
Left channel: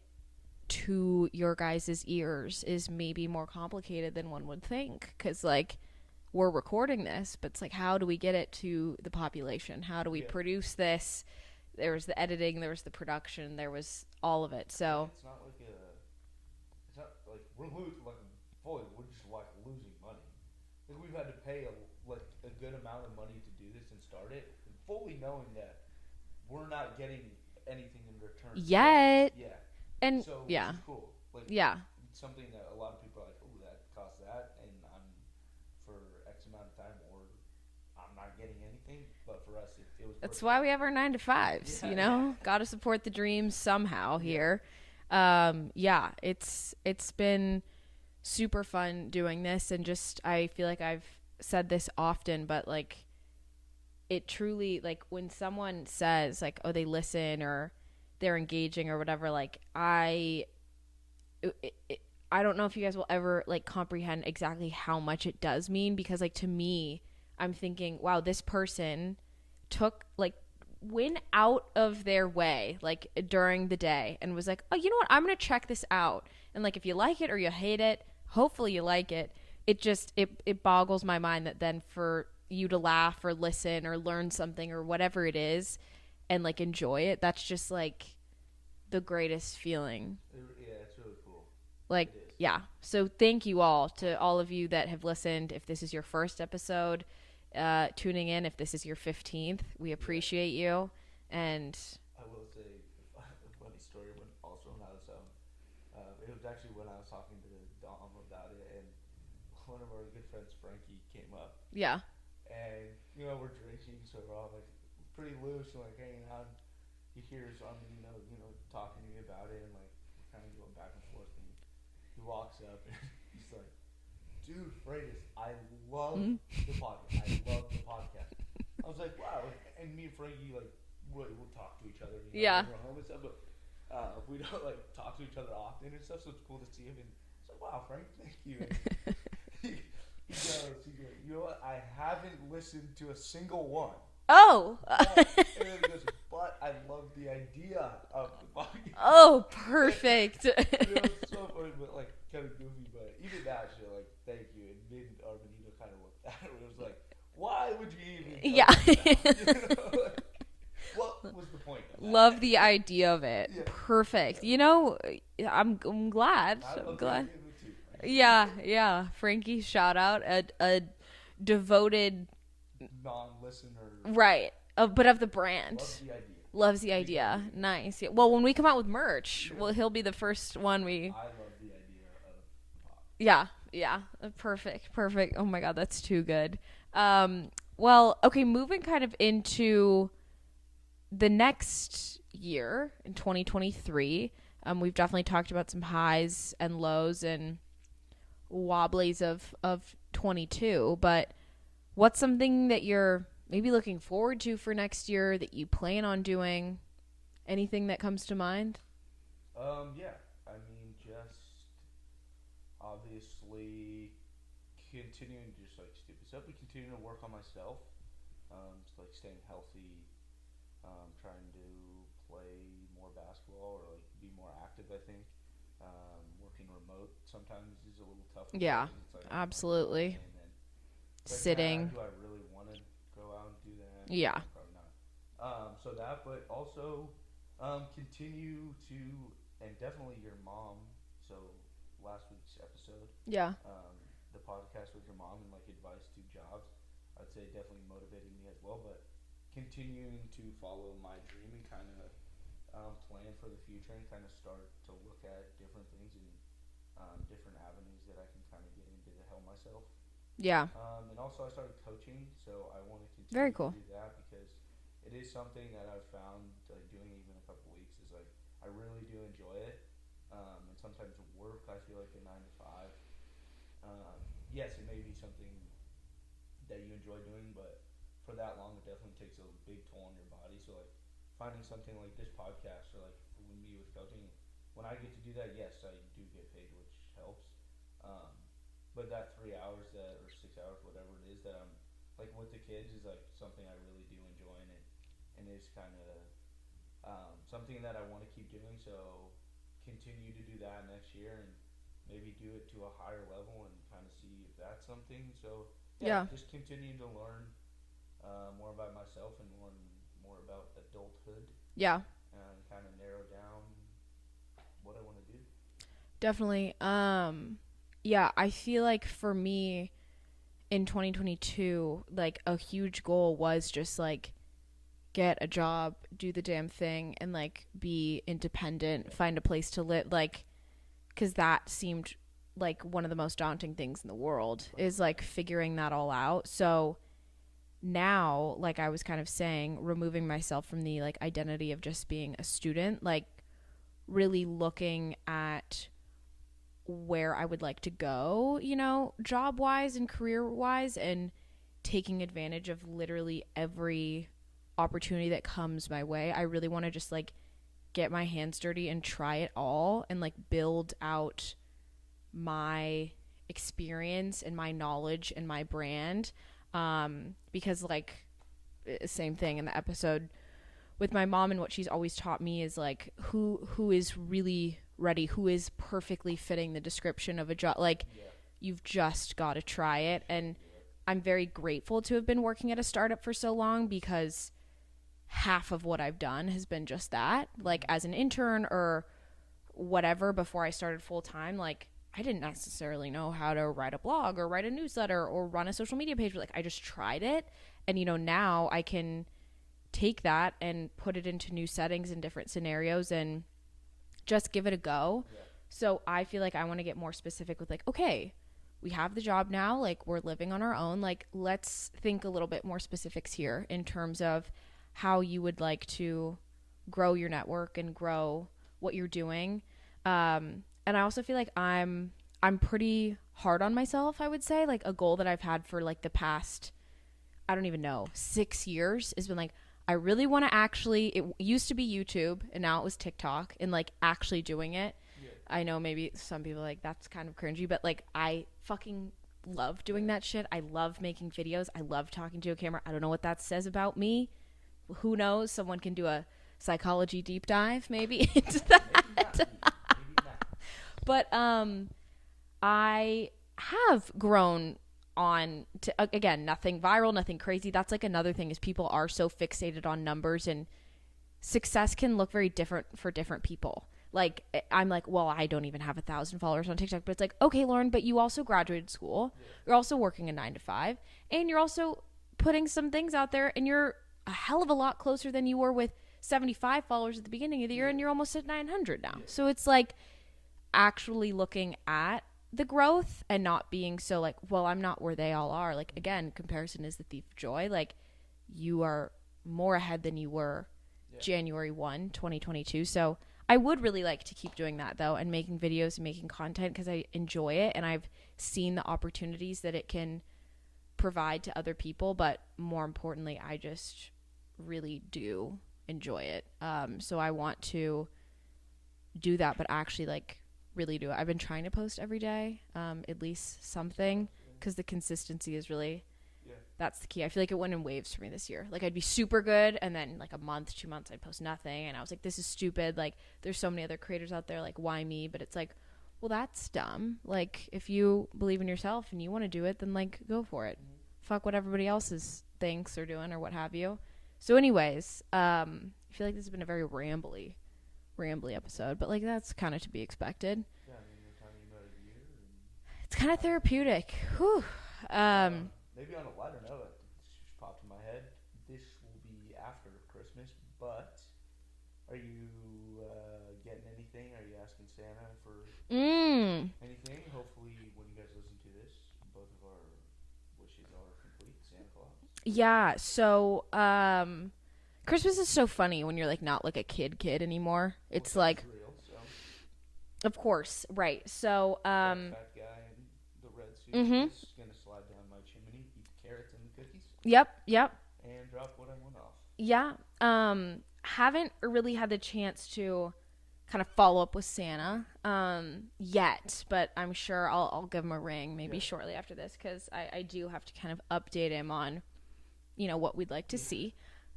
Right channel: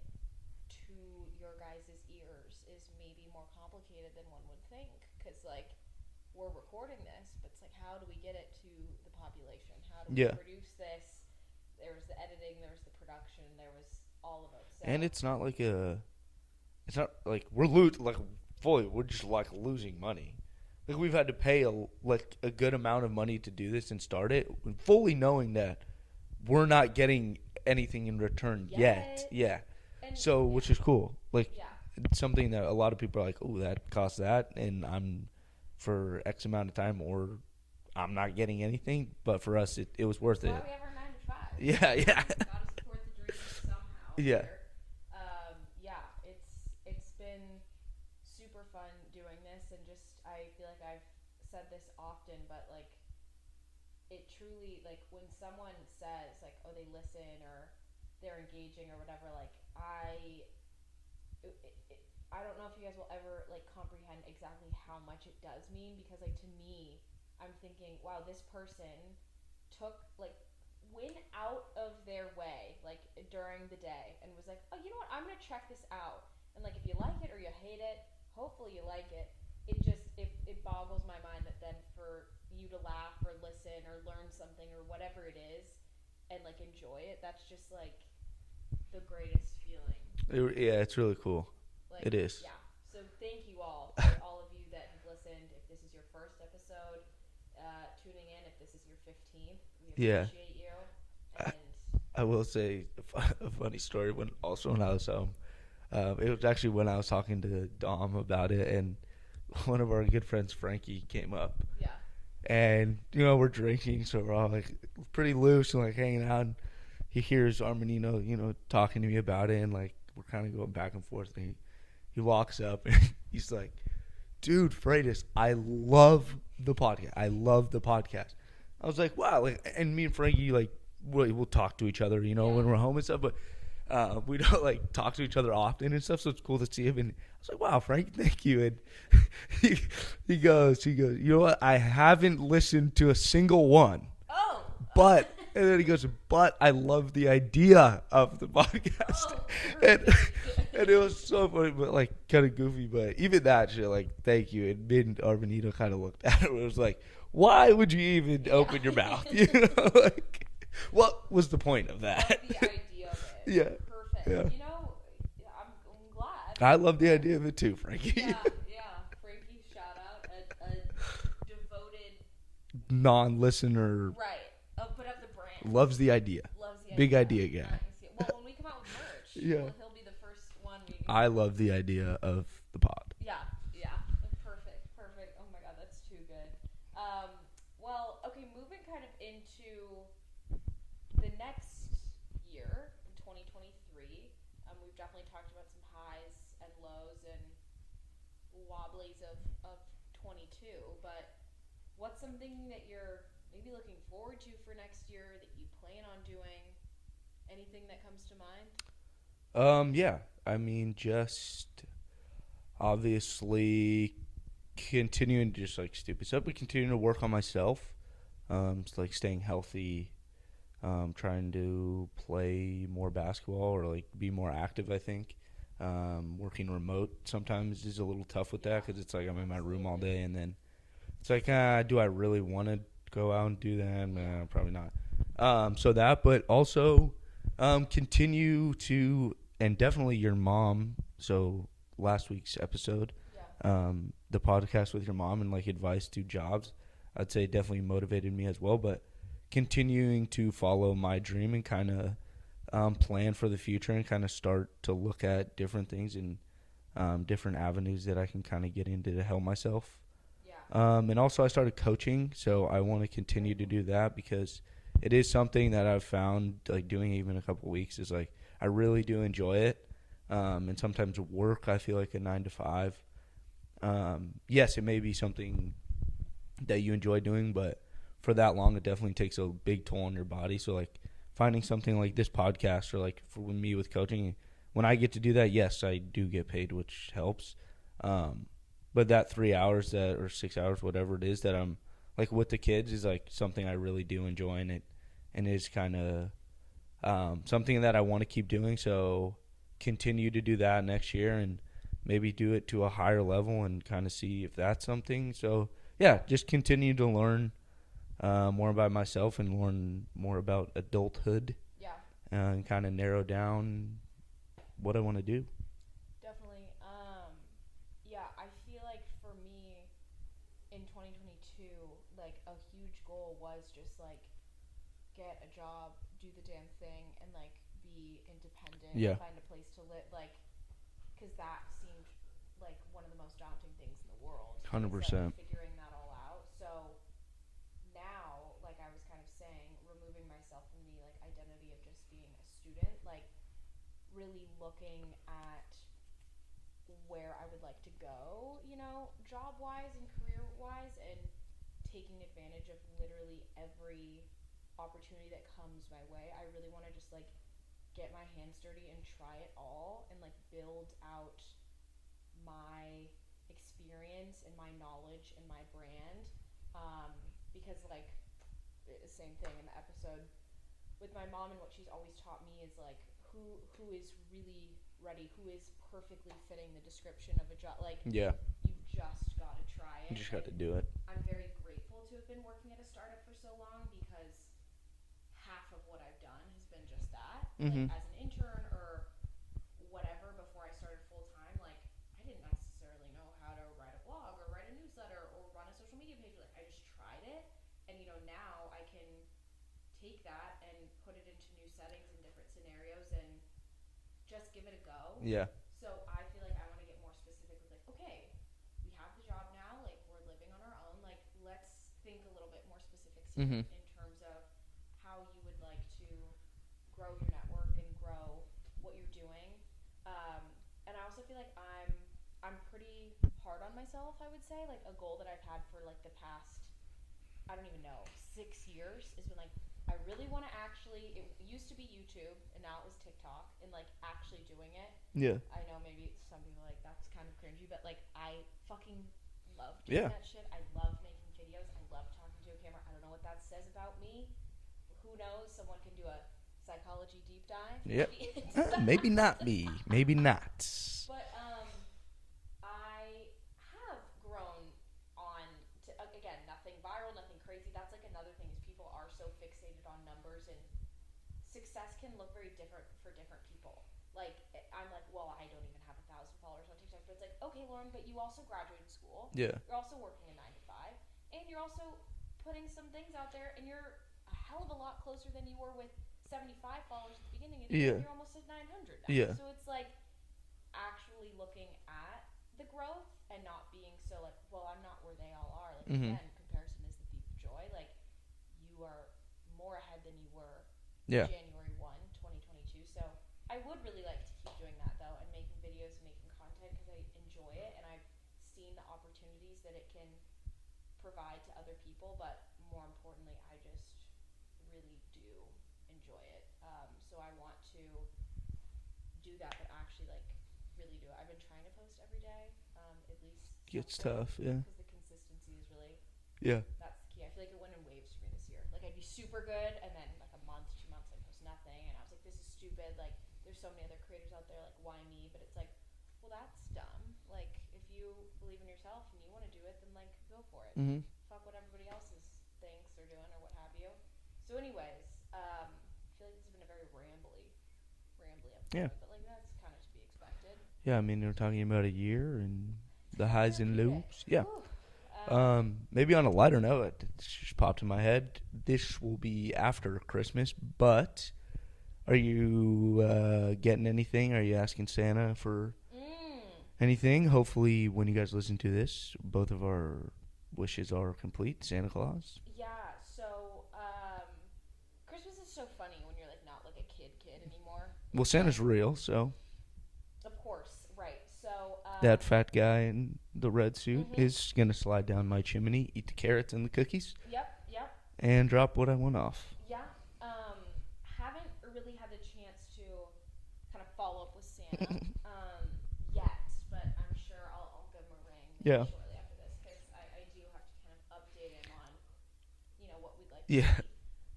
to your guys' ears is maybe more complicated than one would think, because like we're recording this, but it's like, how do we get it to the population? How do we produce this? There was the editing, there was the production, there was all of it. So, and it's not like we're just like losing money. like we've had to pay a good amount of money to do this and start it, fully knowing that we're not getting anything in return yet. Yeah. And so, which is cool. Like, yeah, it's something that a lot of people are like, oh, that costs that, and I'm for X amount of time, or I'm not getting anything. But for us, it was worth it. That's why we have our 9 to 5s. Yeah, you know, got to support the dreams somehow here. Yeah, it's been super fun doing this, and just I feel like I've said this often, but like it truly, like when someone says like, oh, they listen or they're engaging or whatever, like I don't know if you guys will ever like comprehend exactly how much it does mean, because like to me, I'm thinking, wow, this person went out of their way like during the day and was like, oh, you know what, I'm gonna check this out, and like if you like it or you hate it, hopefully you like it. It just it boggles my mind that then for you to laugh or listen or learn something or whatever it is and like enjoy it, that's just like the greatest feeling. Yeah, it's really cool. Like it is. Yeah. So thank you all to all of you that have listened. If this is your first episode, tuning in, if this is your 15th, we appreciate you. And I will say a funny story when I was it was actually when I was talking to Dom about it, and one of our good friends, Frankie, came up. Yeah. And, you know, we're drinking, so we're all, like, pretty loose and, like, hanging out. And he hears Armanino, you know, talking to me about it, and, like, we're kind of going back and forth. And he walks up, and he's like, dude, Freitas, I love the podcast. I love the podcast. I was like, wow. Like, and me and Frankie, like, we'll talk to each other, you know, when we're home and stuff. But we don't, like, talk to each other often and stuff, so it's cool to see him. And I was like, wow, Frank, thank you. And he goes, you know what? I haven't listened to a single one. Oh. But, and then he goes, but I love the idea of the podcast. Oh, perfect. And it was so funny, but, like, kind of goofy. But even that shit, like, thank you. And me and Armanino kind of looked at it. It was like, why would you even open your mouth? You know, like, what was the point of that? Love the idea of it. Yeah. Perfect. Yeah. You know, I'm glad. I love the idea of it too, Frankie. Yeah. Frankie, shout out. A devoted non-listener. Right. But of the brand. Loves the idea. Big idea again. Nice. Yeah. Well, when we come out with merch, well, he'll be the first one I love the idea of the pod. Yeah. Perfect. Oh my God, that's too good. Well, okay, moving kind of into the next year in 2023, we've definitely talked about some highs and lows and wobblies of 22, but what's something that you're maybe looking forward to for next year that you plan on doing? Anything that comes to mind? Yeah. I mean, just obviously continuing to just like stupid stuff, but continuing to work on myself. Just like staying healthy, trying to play more basketball or like be more active, I think. Working remote sometimes is a little tough with that because it's like I'm in my room all day, and then it's like, do I really want to go out and do that? Yeah. No, probably not. So that, but also continue to, and definitely your mom. So last week's episode, the podcast with your mom and like advice to jobs, I'd say definitely motivated me as well. But continuing to follow my dream and kind of plan for the future and kind of start to look at different things and different avenues that I can kind of get into to help myself. Yeah. And also I started coaching, so I want to continue to do that because it is something that I've found like doing even a couple weeks is like I really do enjoy it. And sometimes work, I feel like a 9 to 5. Yes, it may be something that you enjoy doing, but for that long, it definitely takes a big toll on your body. So like finding something like this podcast or like for me with coaching, when I get to do that, yes, I do get paid, which helps. But that 3 hours or 6 hours, whatever it is that I'm like with the kids is like something I really do enjoy, and is kind of something that I want to keep doing. So continue to do that next year and maybe do it to a higher level and kind of see if that's something. So yeah, just continue to learn more about myself and learn more about adulthood. Yeah. And kind of narrow down what I want to do. Definitely. Yeah, I feel like for me in 2022, like a huge goal was just like get a job, do the damn thing, and like be independent, find a place to live, like, because that seemed like one of the most daunting things in the world 100%. Is like figuring that all out. So now, like I was kind of saying, removing myself from the like identity of just being a student, like really looking at where I would like to go, you know, job wise and career wise, and taking advantage of literally every opportunity that comes my way. I really want to just like get my hands dirty and try it all and like build out my experience and my knowledge and my brand, because like same thing in the episode with my mom, and what she's always taught me is like who is really ready, who is perfectly fitting the description of a job. Like you've just got to try it, and do it. I'm very grateful to have been working at a startup for so long, because half of what I've done has been just that. Like as an intern or whatever, before I started full time, like I didn't necessarily know how to write a blog or write a newsletter or run a social media page, but like I just tried it. And you know, now I can take that and put it into new settings and different scenarios and just give it a go. Yeah. So I feel like I want to get more specific with like, okay, we have the job now, like we're living on our own, like let's think a little bit more specifics here in terms of how you would like to grow your network and grow what you're doing. And I also feel like I'm pretty hard on myself, I would say. Like a goal that I've had for like the past, I don't even know, 6 years has been like, I really want to actually, it used to be YouTube and now it was TikTok, and like actually doing it. Yeah. I know maybe some people are like, that's kind of cringy, but like I fucking love doing that shit. I love making videos. I love talking to a camera. I don't know what that says about me. Who knows? Someone can do a psychology deep dive maybe into that. Maybe not me. Maybe not. But I have grown on to, again, nothing viral, nothing crazy. That's like another thing, is people are so fixated on numbers, and success can look very different for different people. Like I'm like, well, I don't even have 1,000 followers on TikTok, but it's like, okay, Lauren, but you also graduated school. Yeah. You're also working a 9 to 5, and you're also putting some things out there, and you're a hell of a lot closer than you were with 75 followers at the beginning of the year, and you're almost at 900 now. Yeah. So it's like actually looking at the growth and not being so like, well, I'm not where they all are. Like again, comparison is the thief of joy. Like you are more ahead than you were January 1, 2022. So I would really like to keep doing that though, and making videos and making content, because I enjoy it and I've seen the opportunities that it can provide to other people. But more importantly, I just really do enjoy it. So I want to do that, but actually like really do it. I've been trying to post every day, at least something, because the consistency is really, that's the key. I feel like it went in waves for me this year. Like I'd be super good, and then like a month, 2 months, I'd post nothing, and I was like, this is stupid. Like there's so many other creators out there, like why me? But it's like, well, that's dumb. Like if you believe in yourself and you want to do it, then like go for it. Fuck what everybody else thinks or doing or what have you. So anyways, I feel like this has been a very rambly episode, but like that's kind of to be expected. Yeah, I mean, we're talking about a year, and it's kind of therapeutic. Maybe on a lighter note, it just popped in my head. This will be after Christmas, but are you getting anything? Are you asking Santa for anything? Hopefully, when you guys listen to this, both of our wishes are complete. Santa Claus. Yeah. So, Christmas is so funny when you're like not like a kid anymore. It's well, Santa's like, real, so. Of course, right. So that fat guy in the red suit is gonna slide down my chimney, eat the carrots and the cookies. Yep. And drop what I want off. Yeah. Haven't really had the chance to kind of follow up with Santa yet, but I'm sure I'll give him a ring maybe shortly after this, because I do have to kind of update him on, you know, what we'd like to see.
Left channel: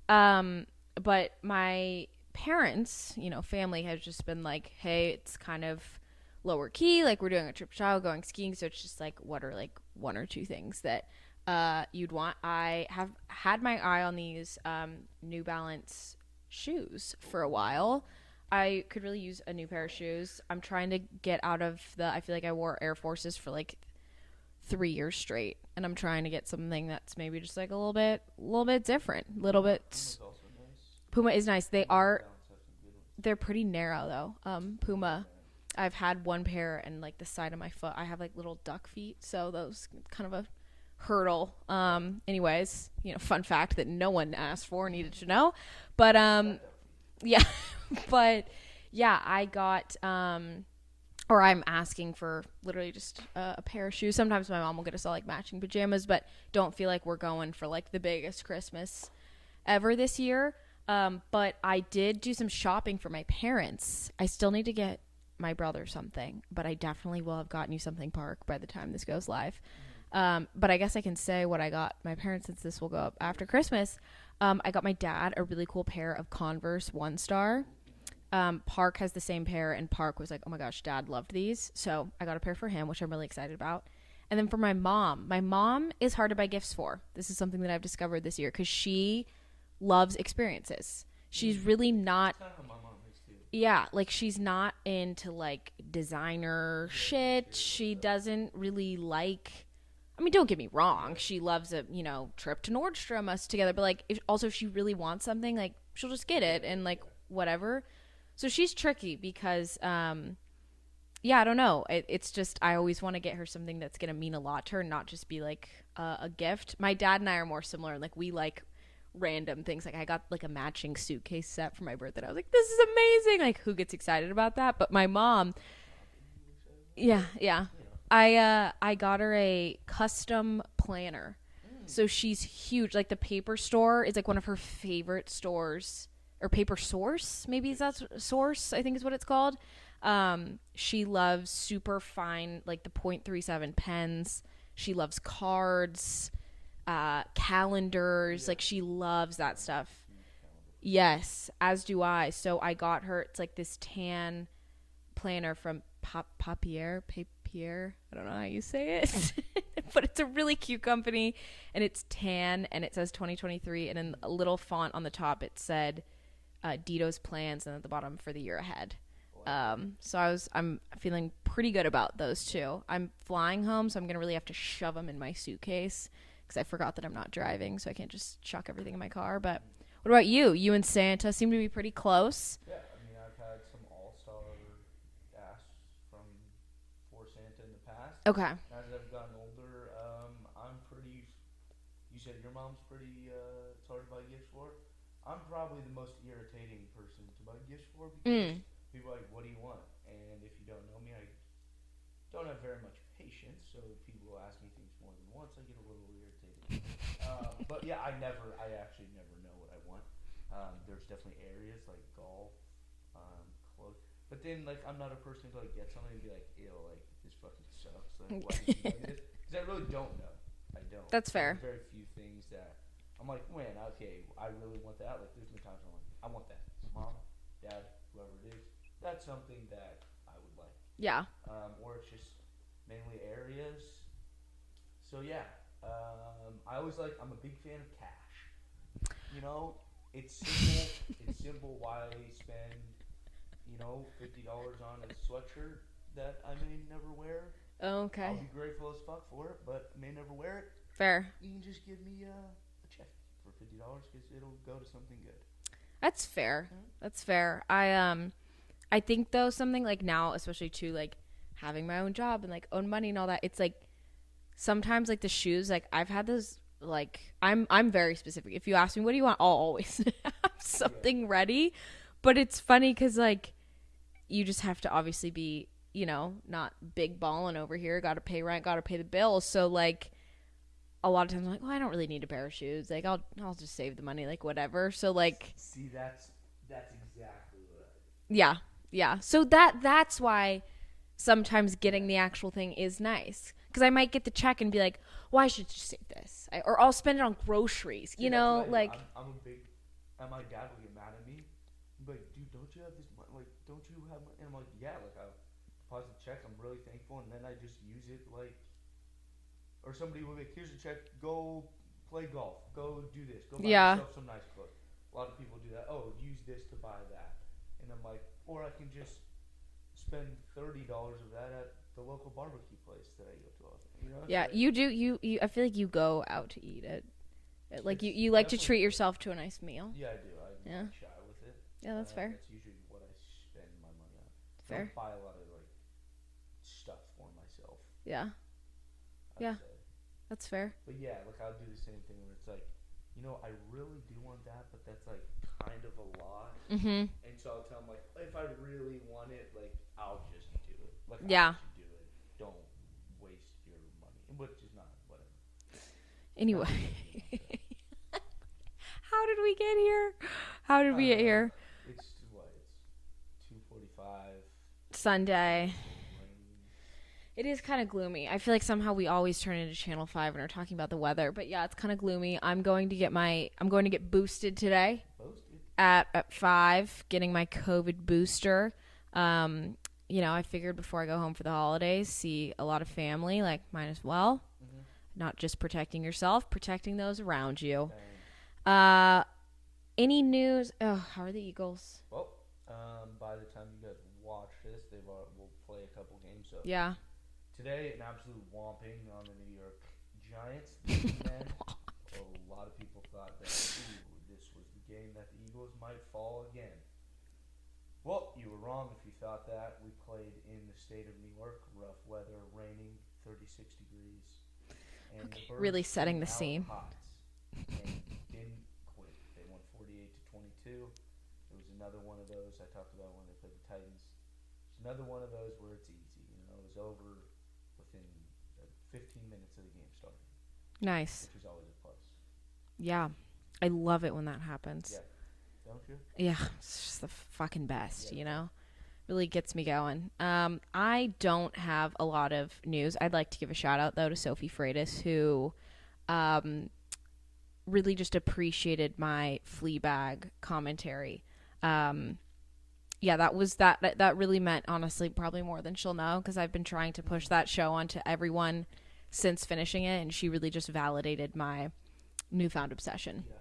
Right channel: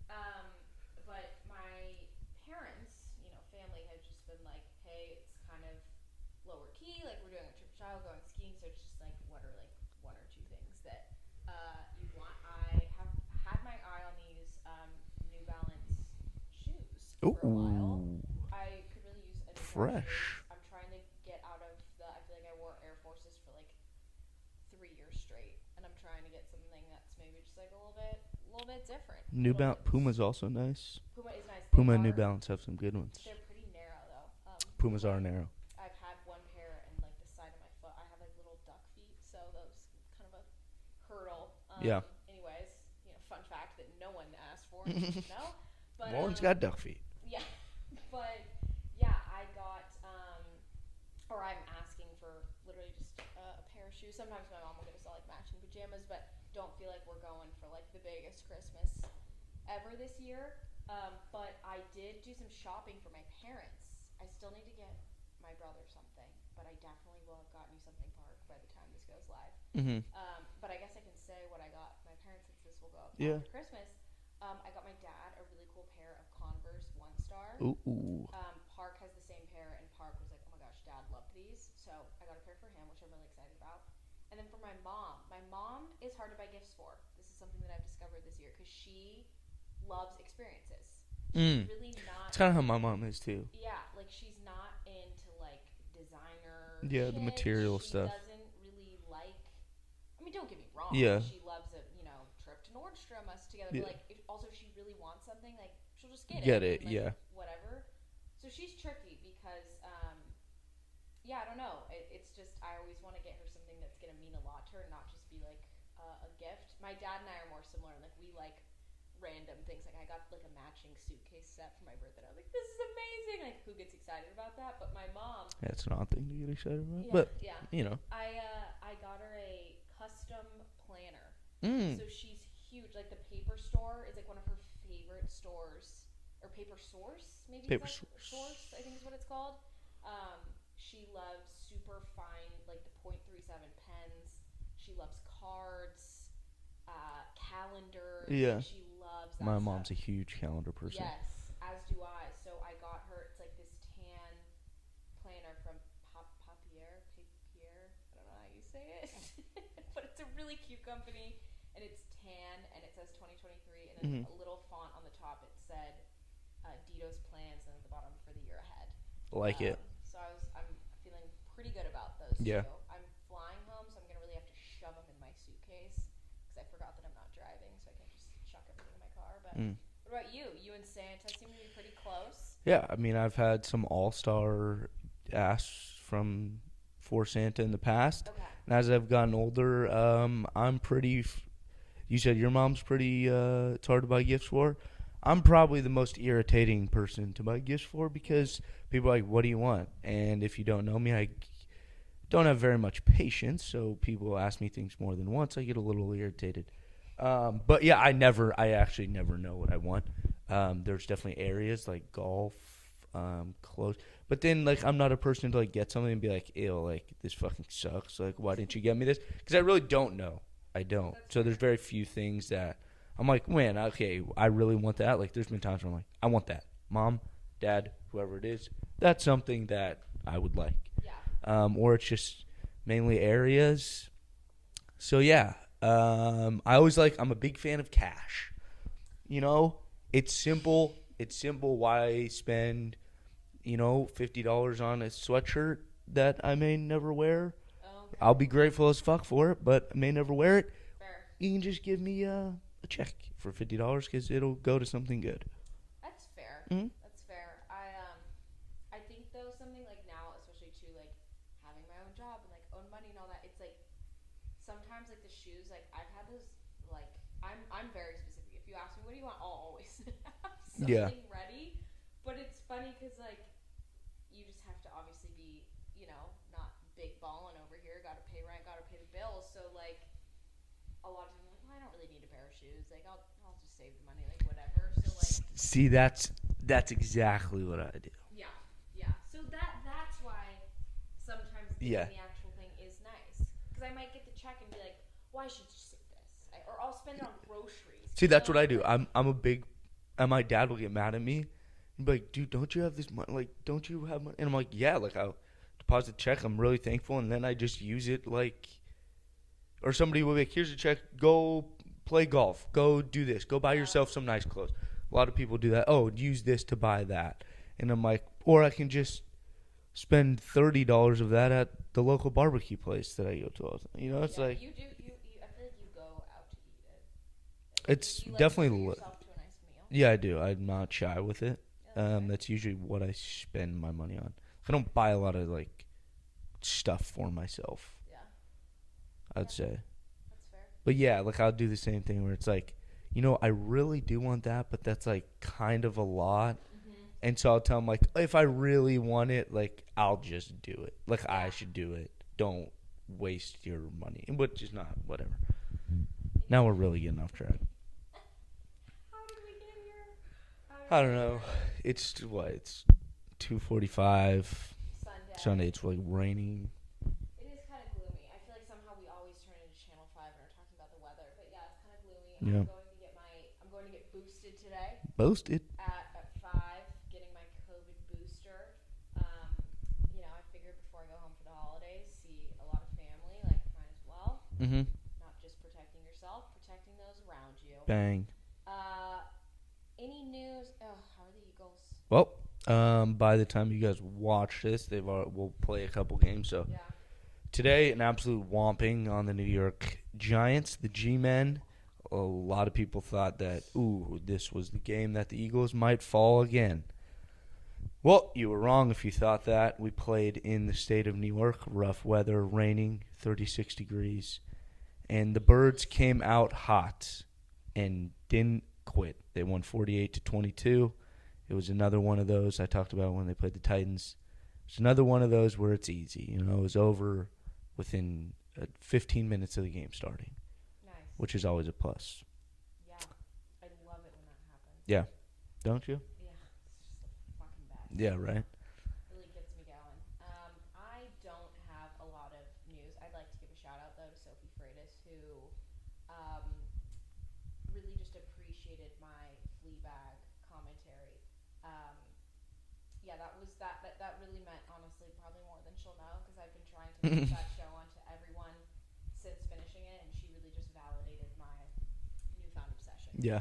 But my parents, you know, family has just been like, hey, it's kind of lower key, like we're doing a trip to Chicago, going skiing, so it's just like, what are like 1 or 2 things that you'd want? I have had my eye on these New Balance shoes for a while. I could really use a new pair of shoes. I'm trying to get out of I feel like I wore Air Forces for like 3 years straight, and I'm trying to get something that's maybe just like a little bit different. Puma's also nice. Puma is nice. They Puma are. and New Balance have some good ones. They're pretty narrow though. Puma's Puma. all narrow. I've had one pair, and like the side of my foot, I have like little duck feet, so those kind of a hurdle. Anyways, fun fact that no one asked for and you should know. But got duck feet. Yeah, but yeah, I got or I'm asking for literally just a pair of shoes. Sometimes my mom will get us all like matching pajamas, but don't feel like we're going for like the biggest Christmas ever this year. But I did do some shopping for my parents. I still need to get my brother something, but I definitely will have gotten you something, Park, by the time this goes live. But I guess I can say what I got my parents, since this will go up after Christmas. I got my dad a really cool pair of Converse 1 Star. Park has the same pair, and Park was like, oh my gosh, Dad loved these. So I got a pair for him, which I'm really excited about. And then for my mom is hard to buy gifts for. This is something that I've discovered this year because she loves experiences. She's really not. That's kind of how my mom is too. Yeah, like she's not into like designer shit. She stuff. Doesn't really like. I mean, don't get me wrong. Yeah. She loves a trip to Nordstrom, us together. But like, if she really wants something, like she'll just get it and like whatever. So she's tricky because, I don't know. It's just I always want to get her something that's gonna mean a lot to her, not just be like a gift. My dad and I are more similar. Like we like random things. Like I got like a matching suitcase set for my birthday. I was like, this is amazing. Like who gets excited about that? But my mom, it's an odd thing to get excited about. Yeah. I got her a custom planner. So she's huge. Like the Paper Store is like one of her favorite stores, or Paper Source, maybe is that Source, I think is what it's called. She loves super fine, like the .37 pens. She loves cards, calendars. Like she loves that stuff. My mom's a huge calendar person. Yes, as do I. So I got her, it's like this tan planner from Papier. I don't know how you say it. But it's a really cute company, and it's tan, and it says 2023, and in a little font on the top it said Dito's plans, and at the bottom for the year ahead. Like it. So I'm feeling pretty good about those two. I'm flying home, so I'm gonna really have to shove them in my suitcase because I forgot that I'm not driving, so I can't just chuck everything in my car. But what about you? You and Santa seem to be pretty close. Yeah, I mean, I've had some all-star asks for Santa in the past. Okay. And as I've gotten older, I'm pretty. You said your mom's pretty. It's hard to buy gifts for. I'm probably the most irritating person to buy gifts for because people are like, "What do you want?" And if you don't know me, I don't have very much patience, so people ask me things more than once. I get a little irritated. But yeah, I actually never know what I want. There's definitely areas like golf, clothes. But then, like, I'm not a person to, like, get something and be like, ew, like, this fucking sucks. Like, why didn't you get me this? Because I really don't know. I don't. That's fair. So there's very few things that I'm like, man, okay, I really want that. Like, there's been times where I'm like, I want that. Mom, Dad, whoever it is, that's something that I would like. Yeah. Or it's just mainly areas. So, yeah. I'm a big fan of cash. It's simple. It's simple why spend... $50 on a sweatshirt that I may never wear. Okay. I'll be grateful as fuck for it, but I may never wear it. Fair. You can just give me a check for $50 because it'll go to something good. That's fair. Mm-hmm. That's fair. I think though something like now, especially too, like having my own job and like own money and all that, it's like sometimes like the shoes, like I've had those. Like I'm very specific. If you ask me what do you want, I'll always have something ready. But it's funny because like. You just have to obviously be, not big balling over here. Got to pay rent, got to pay the bills. So like, a lot of times I'm like, well, I don't really need a pair of shoes. Like, I'll just save the money, like whatever. So like, see, that's exactly what I do. Yeah. So that's why sometimes getting the actual thing is nice because I might get the check and be like, well, I should just save this, or I'll spend it on groceries. See, that's what I do. Like, I'm a big, and my dad will get mad at me. Like, dude, don't you have this money? Like, don't you have money? And I'm like, yeah, like, I'll deposit the check. I'm really thankful. And then I just use it, like, or somebody will be like, here's a check. Go play golf. Go do this. Go buy yourself some nice clothes. A lot of people do that. Oh, use this to buy that. And I'm like, or I can just spend $30 of that at the local barbecue place that I go to all the time. You know, it's yeah, like, you do. You I feel like you go out to eat it. Like you like to treat yourself to a nice meal. Yeah, I do. I'm not shy with it. Yeah, that's fair. That's usually what I spend my money on. Fair. I don't buy a lot of like stuff for myself. Yeah. I'd say. That's fair. But yeah, like I'll do the same thing where it's like, you know, I really do want that, but that's like kind of a lot. Mm-hmm. And so I'll tell them like, if I really want it, like I'll just do it. Like I should do it. Don't waste your money, which is not whatever. Anyway. Now we're really getting off track. How did we get here? How did we get here? It's what? It's 2:45. Sunday. It's like raining. It is kind of gloomy. I feel like somehow we always turn into Channel 5 and are talking about the weather. But yeah, it's kind of gloomy. Yeah. I'm going to get boosted today. Boosted? At 5, getting my COVID booster. You know, I figured before I go home for the holidays, see a lot of family, like might as well. Mm-hmm. Not just protecting yourself, protecting those around you. Bang. Any news? Oh, how are the Eagles? Well, by the time you guys watch this, we'll play a couple games. So yeah. Today, an absolute whomping on the New York Giants, the G-Men. A lot of people thought that, this was the game that the Eagles might fall again. Well, you were wrong if you thought that. We played in the state of New York, rough weather, raining, 36 degrees. And the Birds really came out hot and didn't quit. They won 48-22. It was another one of those I talked about when they played the Titans. It's another one of those where it's easy. You know, it was over within 15 minutes of the game starting. Nice. Which is always a plus. Yeah. I love it when that happens. Yeah. Don't you? Yeah. It's just the fucking best, you know? Right. Really gets me going. I don't have a lot of news. I'd like to give a shout out, though, to Sophie Freitas, who really just appreciated my Fleabag commentary. Yeah, that really meant, honestly, probably more than she'll know, because I've been trying to push that show onto everyone since finishing it, and she really just validated my newfound obsession. Yeah.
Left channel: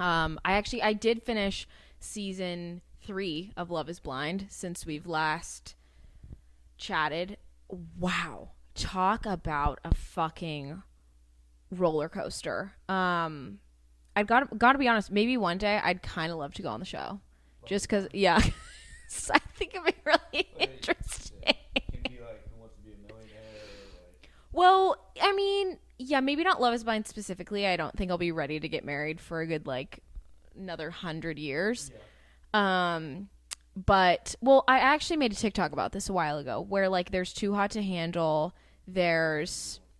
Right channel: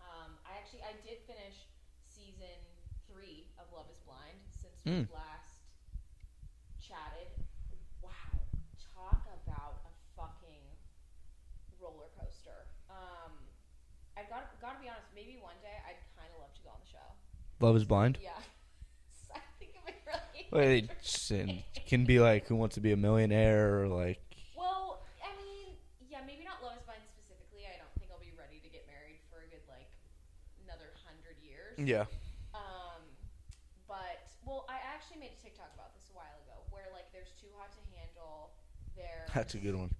I did finish season 3 of Love is Blind since we've last chatted. Wow. Talk about a fucking roller coaster. I've got to be honest, maybe one day I'd kind of love to go on the show. Love is Blind? Yeah. I think it'd be really interesting. It can be like Who Wants to Be a Millionaire or like... Well, I mean, yeah, maybe not Love is Blind specifically. I don't think I'll be ready to get married for a good, like, another 100 years. Yeah. But, well, I actually made a TikTok about this a while ago where, like, there's Too Hot to Handle. That's a good one.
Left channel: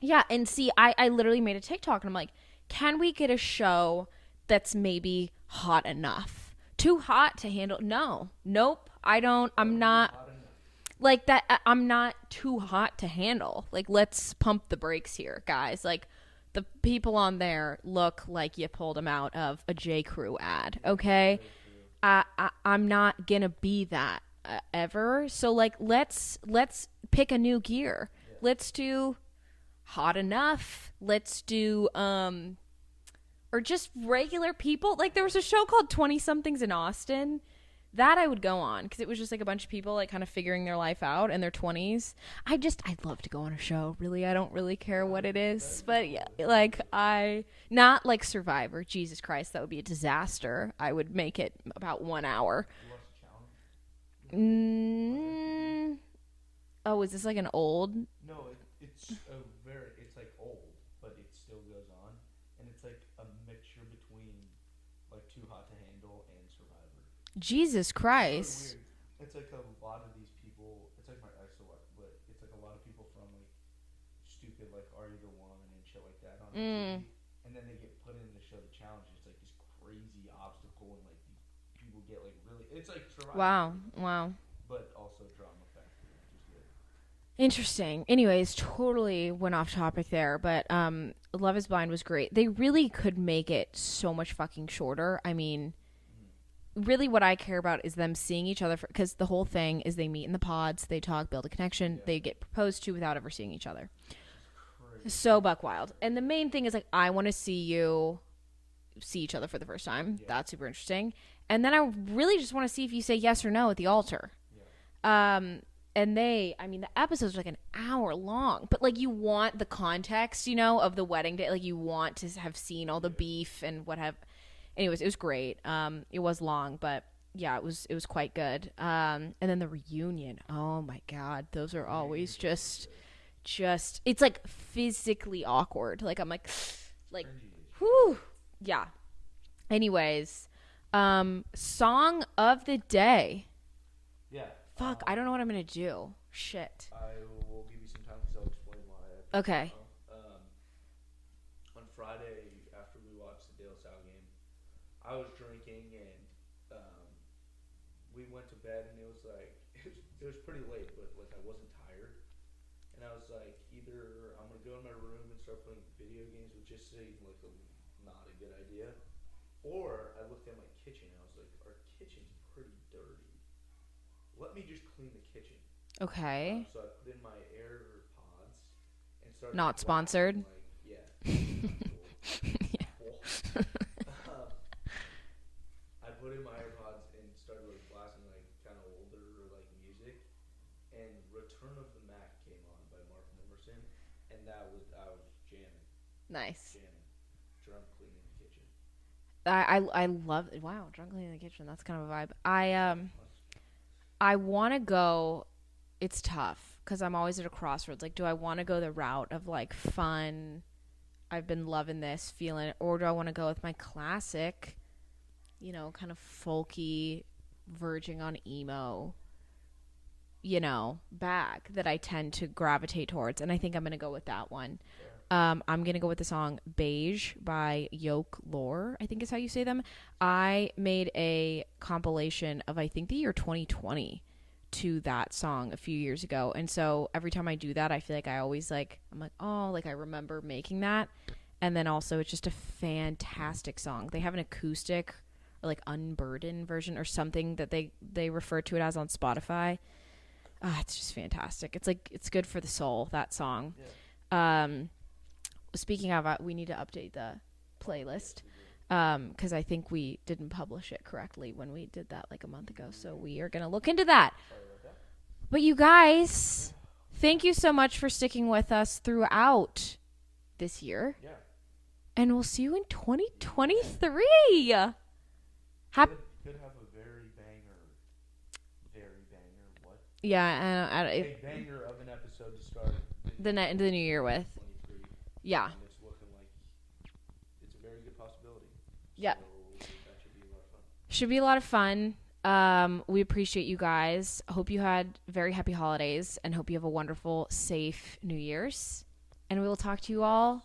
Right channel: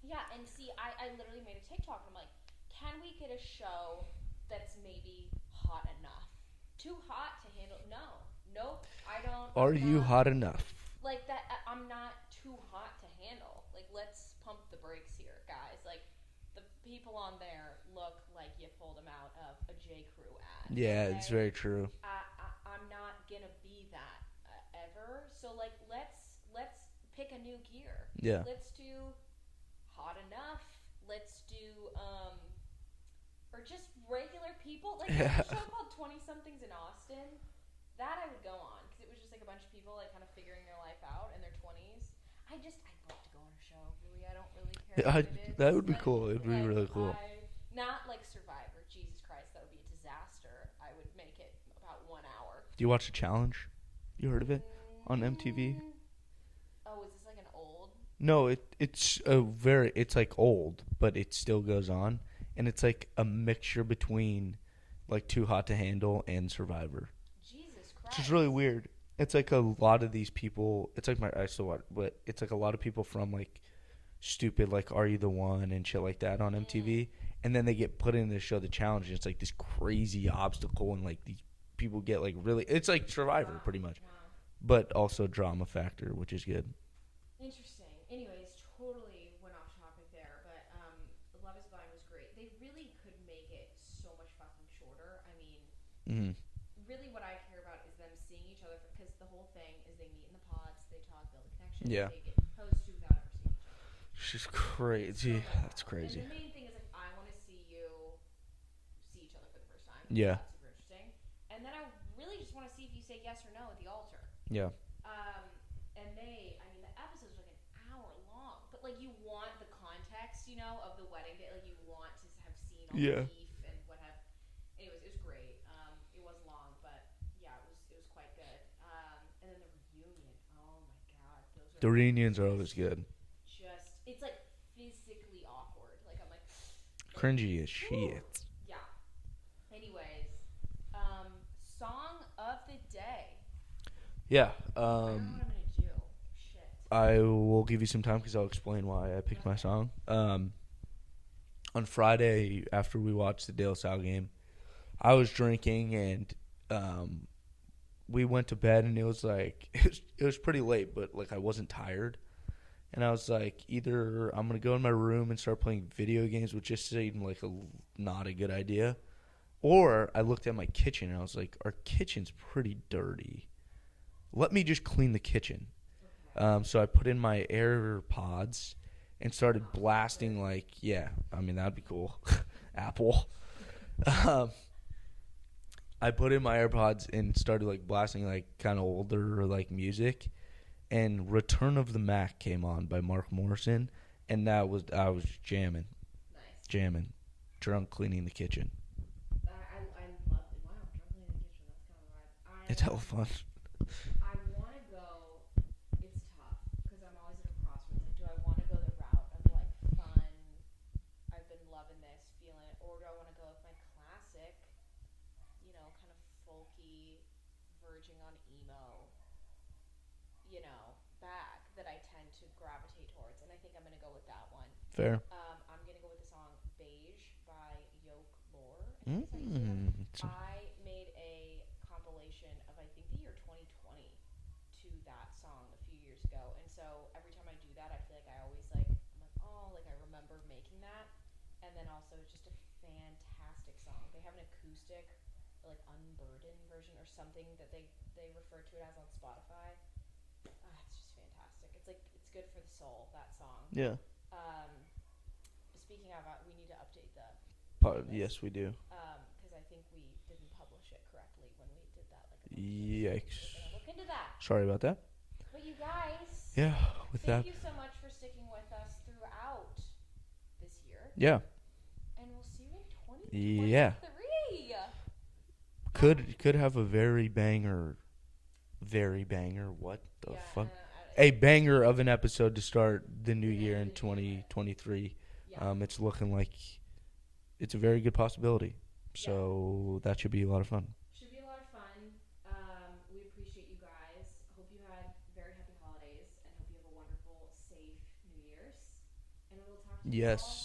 Yeah, and see, I literally made a TikTok and I'm like, can we get a show that's maybe hot enough? Too hot to handle? No. Nope. I'm not hot enough. Like that. I'm not too hot to handle. Like, let's pump the brakes here, guys. Like, the people on there look like you pulled them out of a J. Crew ad. Yeah, okay, it's very true. I'm not gonna be that ever. So like, let's pick a new gear. Yeah. Let's do hot enough. Let's do or just regular people. Like, there was a show called 20-somethings in Austin that I would go on because it was just like a bunch of people like kind of figuring their life out in their 20s. I'd love to go on a show. Really, I don't really care what it is. That would but be cool. Yeah, like really cool. Not like Survivor. Jesus Christ, that would be a disaster. I would make it about 1 hour. Do you watch The Challenge? You heard of it on MTV? Oh, is this like an old? No, it's like old, but it still goes on, and it's like a mixture between like Too Hot to Handle and Survivor. Jesus Christ. It's really weird. It's like a lot of these people. It's like I still watch, but it's like a lot of people from like stupid like Are You the One and shit like that on MTV, and then they get put in the show The Challenge. And it's like this crazy obstacle, and like these people get like really. It's like Survivor pretty much. Wow. But also drama factor, which is good. Interesting. Anyways, totally went off topic there, but Love is Blind was great. They really could make it so much fucking shorter. I mean, really what I care about is them seeing each other, because the whole thing is they meet in the pods, they talk, build a connection, they get proposed to without ever seeing each other. She's crazy. So buck wild. And the main thing is, like, I want to see you see each other for the first time. Yeah. That's super interesting. And then I really just want to see if you say yes or no at the altar. Yeah. And the episodes are like an hour long, but like you want the context, of the wedding day. Like you want to have seen all the beef and what have. Anyways, it was great. It was long, but yeah, it was quite good. And then the reunion. Oh my God, those are always good. Just it's like physically awkward. Like I'm like cringy as shit. Yeah. Anyways, song of the day. Yeah. Fuck, I don't know what I'm gonna do. Shit. I will give you some time because I'll explain why I picked my song. On Friday after we watched the De La Salle game, I was drinking and we went to bed and it was like it was pretty late, but like I wasn't tired. And I was like, either I'm gonna go in my room and start playing video games, which just seemed like not a good idea, or I looked at my kitchen and I was like, our kitchen's pretty dirty. Let me just clean the kitchen. Okay. So I put in my AirPods and started Not blasting. Sponsored. That'd be cool. Apple. I put in my AirPods and started like blasting like kind of older like music, and Return of the Mac came on by Mark Morrison, and I was jamming. Nice. Jamming, drunk cleaning the kitchen. I love it. Wow, drunk cleaning the kitchen. That's kind of a vibe. It's all fun. I want to go. It's tough because I'm always at a crossroads. Like, do I want to go the route of like fun? I've been loving this, feeling it, or do I want to go with my classic, kind of folky, verging on emo, bag that I tend to gravitate towards, and I think I'm gonna go with that one. Fair. I'm gonna go with the song "Beige" by Yoke Lore. I think is how you say them. I made a compilation of I think the year 2020 to that song a few years ago, and so every time I do that, I feel like I always I'm like, oh, like I remember making that, and then also it's just a fantastic song. They have an acoustic or like unburdened version or something that they refer to it as on Spotify. It's just fantastic. It's like it's good for the soul, that song. Yeah. Speaking of, we need to update the playlist. Yes, we do. Because I think we didn't publish it correctly when we did that like a month ago. Yikes. So we are gonna look into that. Sorry about that. But you guys, thank you so much for sticking with us throughout this year. Yeah. And we'll see you in 2023. Yeah. Could have a very banger. What? Yeah, a banger of an episode to start the new year with 2023. Yeah, it's looking like it's a very good possibility. So that should be a lot of fun. Should be a lot of fun. We appreciate you guys. Hope you had very happy holidays and hope you have a wonderful, safe New Year's. And we will talk to you all